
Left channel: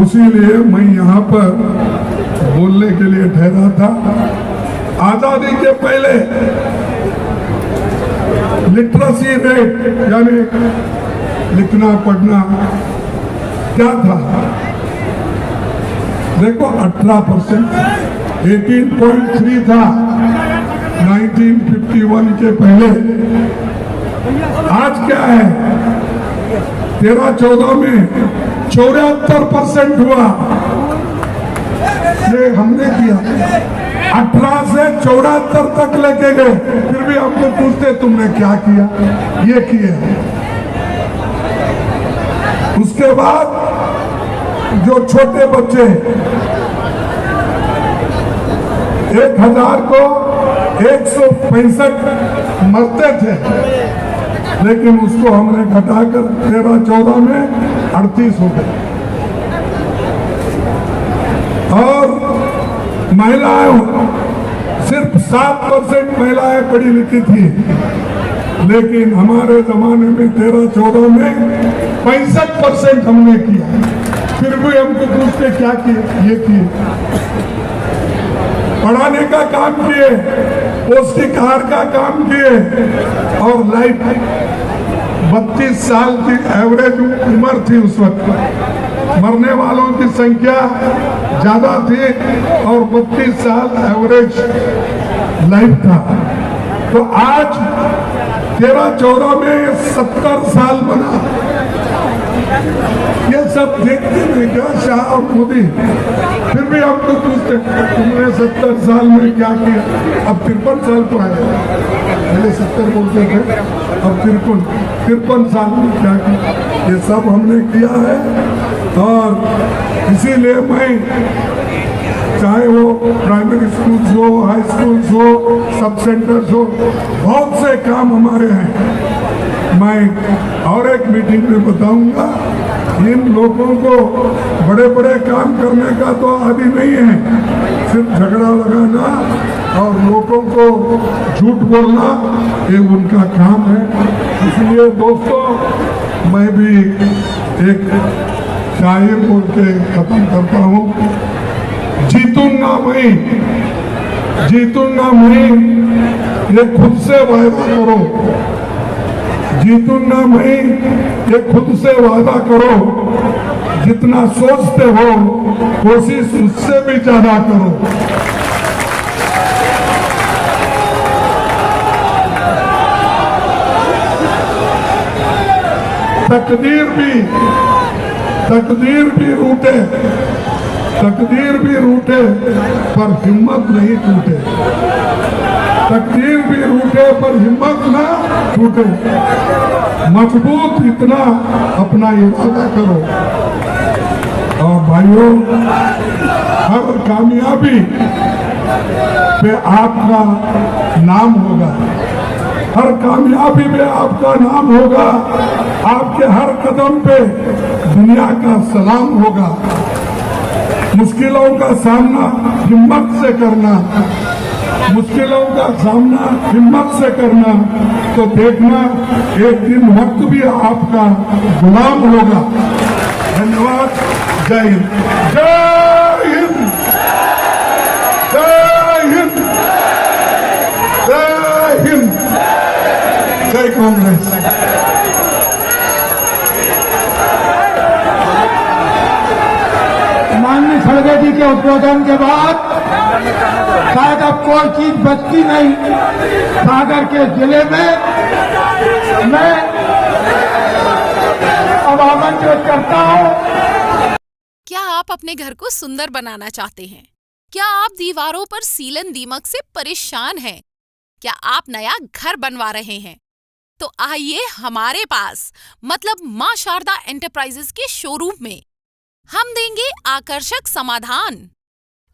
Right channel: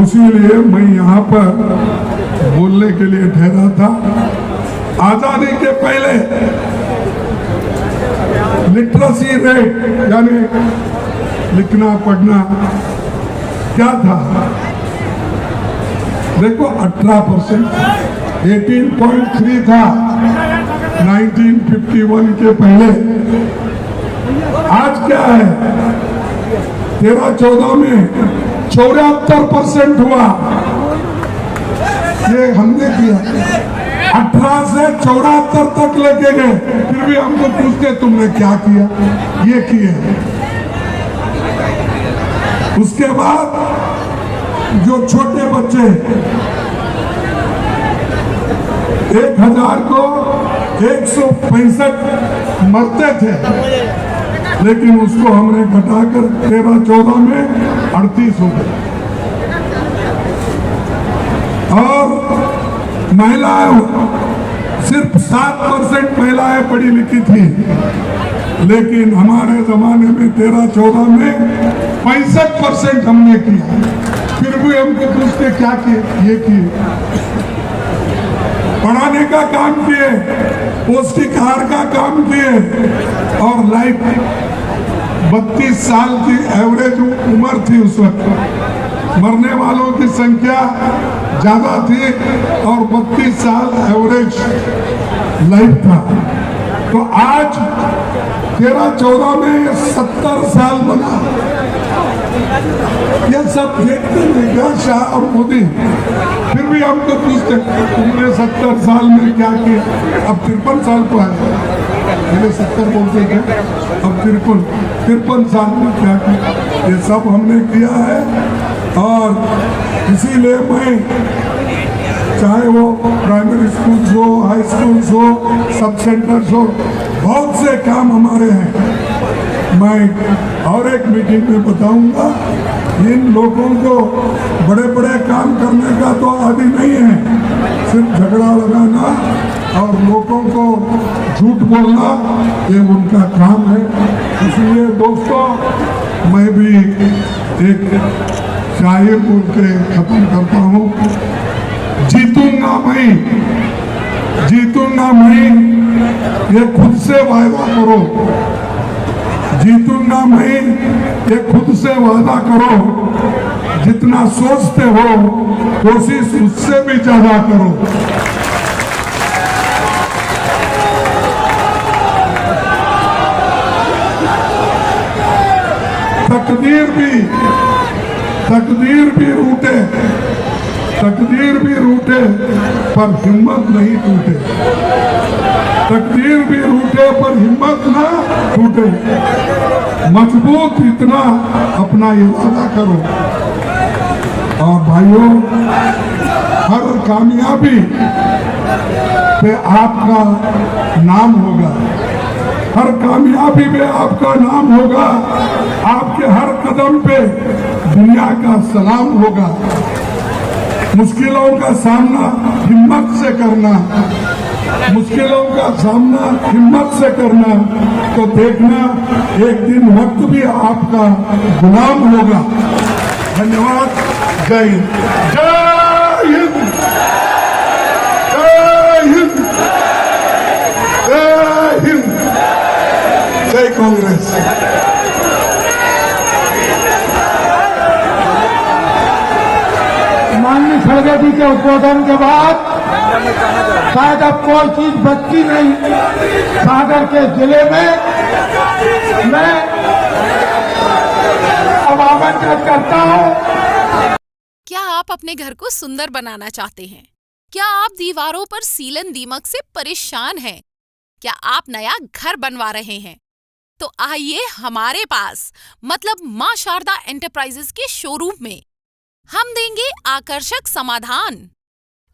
उसी लिए मैं यहाँ पर बोलने के लिए ठहरा था। आजादी के पहले लिटरेसी रेट यानी लिखना पढ़ना क्या था, देखो 18%, 18.3 था 1951 के पहले। आज क्या है, 13-14 में 74% हुआ। ये हमने किया, 18 से 74 तक लेके गए, फिर भी हमको पूछते तुमने क्या किया, ये किए। उसके बाद जो छोटे बच्चे 1000 को 165 मरते थे, लेकिन उसको हमने घटाकर 13-14 में 38 हो गए। और महिलाएं सिर्फ 7% महिलाएं पढ़ी लिखी थी, लेकिन हमारे जमाने में 13-14 में 65% हमने किया। फिर भी हमको पूछते क्या किए, ये किए, पढ़ाने का काम किए, पौष्टिक आहार का काम किए। और लाइफ 32 साल की एवरेज उम्र थी उस वक्त, मरने वालों की संख्या ज्यादा थी और 32 साल एवरेज लाइफ था। तो आज 13-14 में 70 साल बना। ये सब देखते नहीं क्या शाह और मोदी, फिर भी हमको पूछते तुमने 70 साल में क्या किया? अब 53 साल को है, पहले 70 बोलते थे, अब 53 साल में क्या किया? ये सब हमने किया है। और इसीलिए मैं, चाहे वो प्राइमरी स्कूल हो, हाई स्कूल हो, सब सेंटर्स हो, बहुत से काम हमारे हैं। मैं और एक मीटिंग में बताऊंगा, इन लोगों को बड़े बड़े काम करने का तो आदि नहीं है, सिर्फ झगड़ा लगाना और लोगों को झूठ बोलना, ये उनका काम है। इसलिए दोस्तों, मैं भी एक शायर बोल के खत्म करता हूँ। जीतूंगा मैं, ये खुद से वादा करो। जीतूंगा मैं, ये खुद से वादा करो। जितना सोचते हो कोशिश उससे भी ज्यादा करो। तकदीर भी रूठे पर हिम्मत नहीं टूटे। तकदीर भी रूठे पर हिम्मत ना टूटे। मजबूत इतना अपना इरादा करो। और भाइयों, हर कामयाबी पे आपका नाम होगा। हर कामयाबी में आपका नाम होगा। आपके हर कदम पे दुनिया का सलाम होगा। मुश्किलों का सामना हिम्मत से करना, मुश्किलों का सामना हिम्मत से करना, तो देखना एक दिन वक्त भी आपका गुलाम होगा। धन्यवाद। जय हिंद। जय हिंद। जय हिंद। जय हिंद। जय कांग्रेस। खड़गे जी के उद्बोधन के बाद शायद अब कोई चीज बचती नहीं सागर के जिले में। मैं अब आमंत्रित करता हूं। क्या आप अपने घर को सुंदर बनाना चाहते हैं? क्या आप दीवारों पर सीलन दीमक से परेशान हैं? क्या आप नया घर बनवा रहे हैं? तो आइए हमारे पास, मतलब मां शारदा एंटरप्राइजेस के शोरूम में हम देंगे आकर्षक समाधान।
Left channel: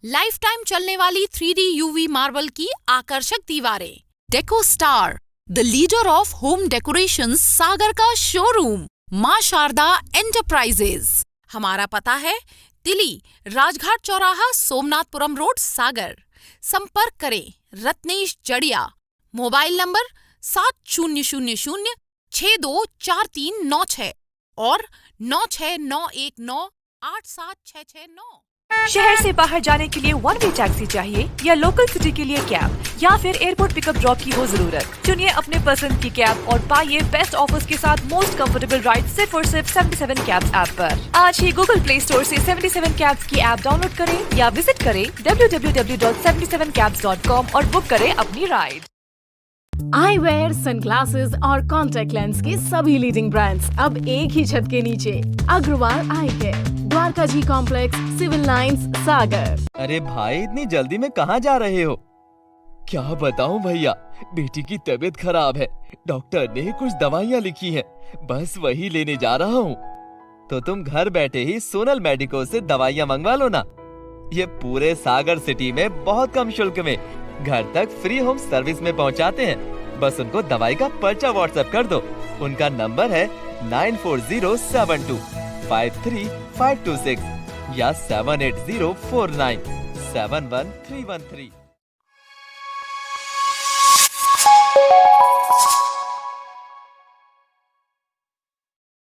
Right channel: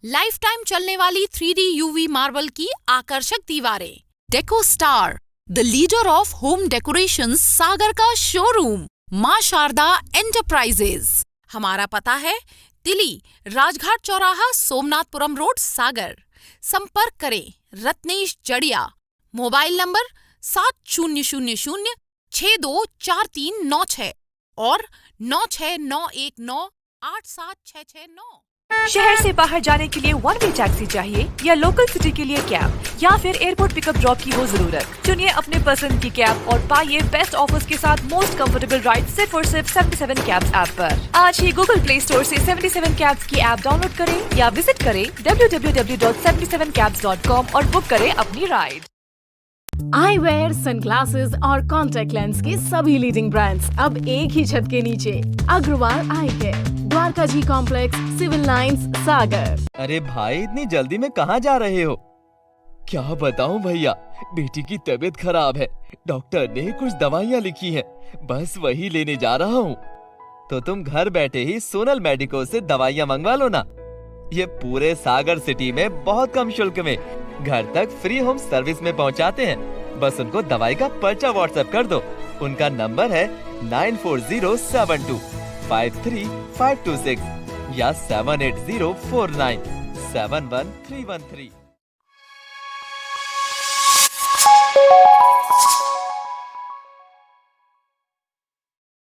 लाइफ टाइम चलने वाली 3D UV मार्बल की आकर्षक दीवारें। Deco star, the leader of home decoration, Sagar का शोरूम मां शारदा एंटरप्राइजेस। हमारा पता है तिली राजघाट चौराहा, सोमनाथपुरम रोड, सागर। संपर्क करें रत्नेश जड़िया। मोबाइल नंबर 7000624396 और 9691987669। शहर से बाहर जाने के लिए वन वे टैक्सी चाहिए या लोकल सिटी के लिए कैब या फिर एयरपोर्ट पिकअप ड्रॉप की हो जरूरत? चुनिए अपने पसंद की कैब और पाइए बेस्ट ऑफर्स के साथ मोस्ट कंफर्टेबल राइड सिर्फ और सिर्फ 77 कैब्स ऐप पर। आज ही गूगल प्ले स्टोर से 77 कैब्स की ऐप डाउनलोड करें या विजिट करें www.77cabs.com और बुक करें अपनी राइड। आई वेयर, सनग्लासेस और कॉन्टेक्ट लेंस के सभी लीडिंग ब्रांड्स अब एक ही छत के नीचे। अग्रवाल आई केयर, द्वारका जी कॉम्प्लेक्स, सिविल लाइंस, सागर। अरे भाई, इतनी जल्दी में कहाँ जा रहे हो? क्या बताऊं भैया, बेटी की तबीयत खराब है। डॉक्टर ने कुछ दवाइयाँ लिखी हैं, बस वही लेने जा रहा हूँ। तो तुम घर बैठे ही सोनल मेडिको से दवाइयाँ मंगवा लो ना। ये पूरे सागर सिटी में बहुत कम शुल्क में घर तक फ्री होम सर्विस में पहुंचाते हैं। बस उनको दवाई का पर्चा व्हाट्सएप कर दो। उनका नंबर है 9407253526 या 7804971313।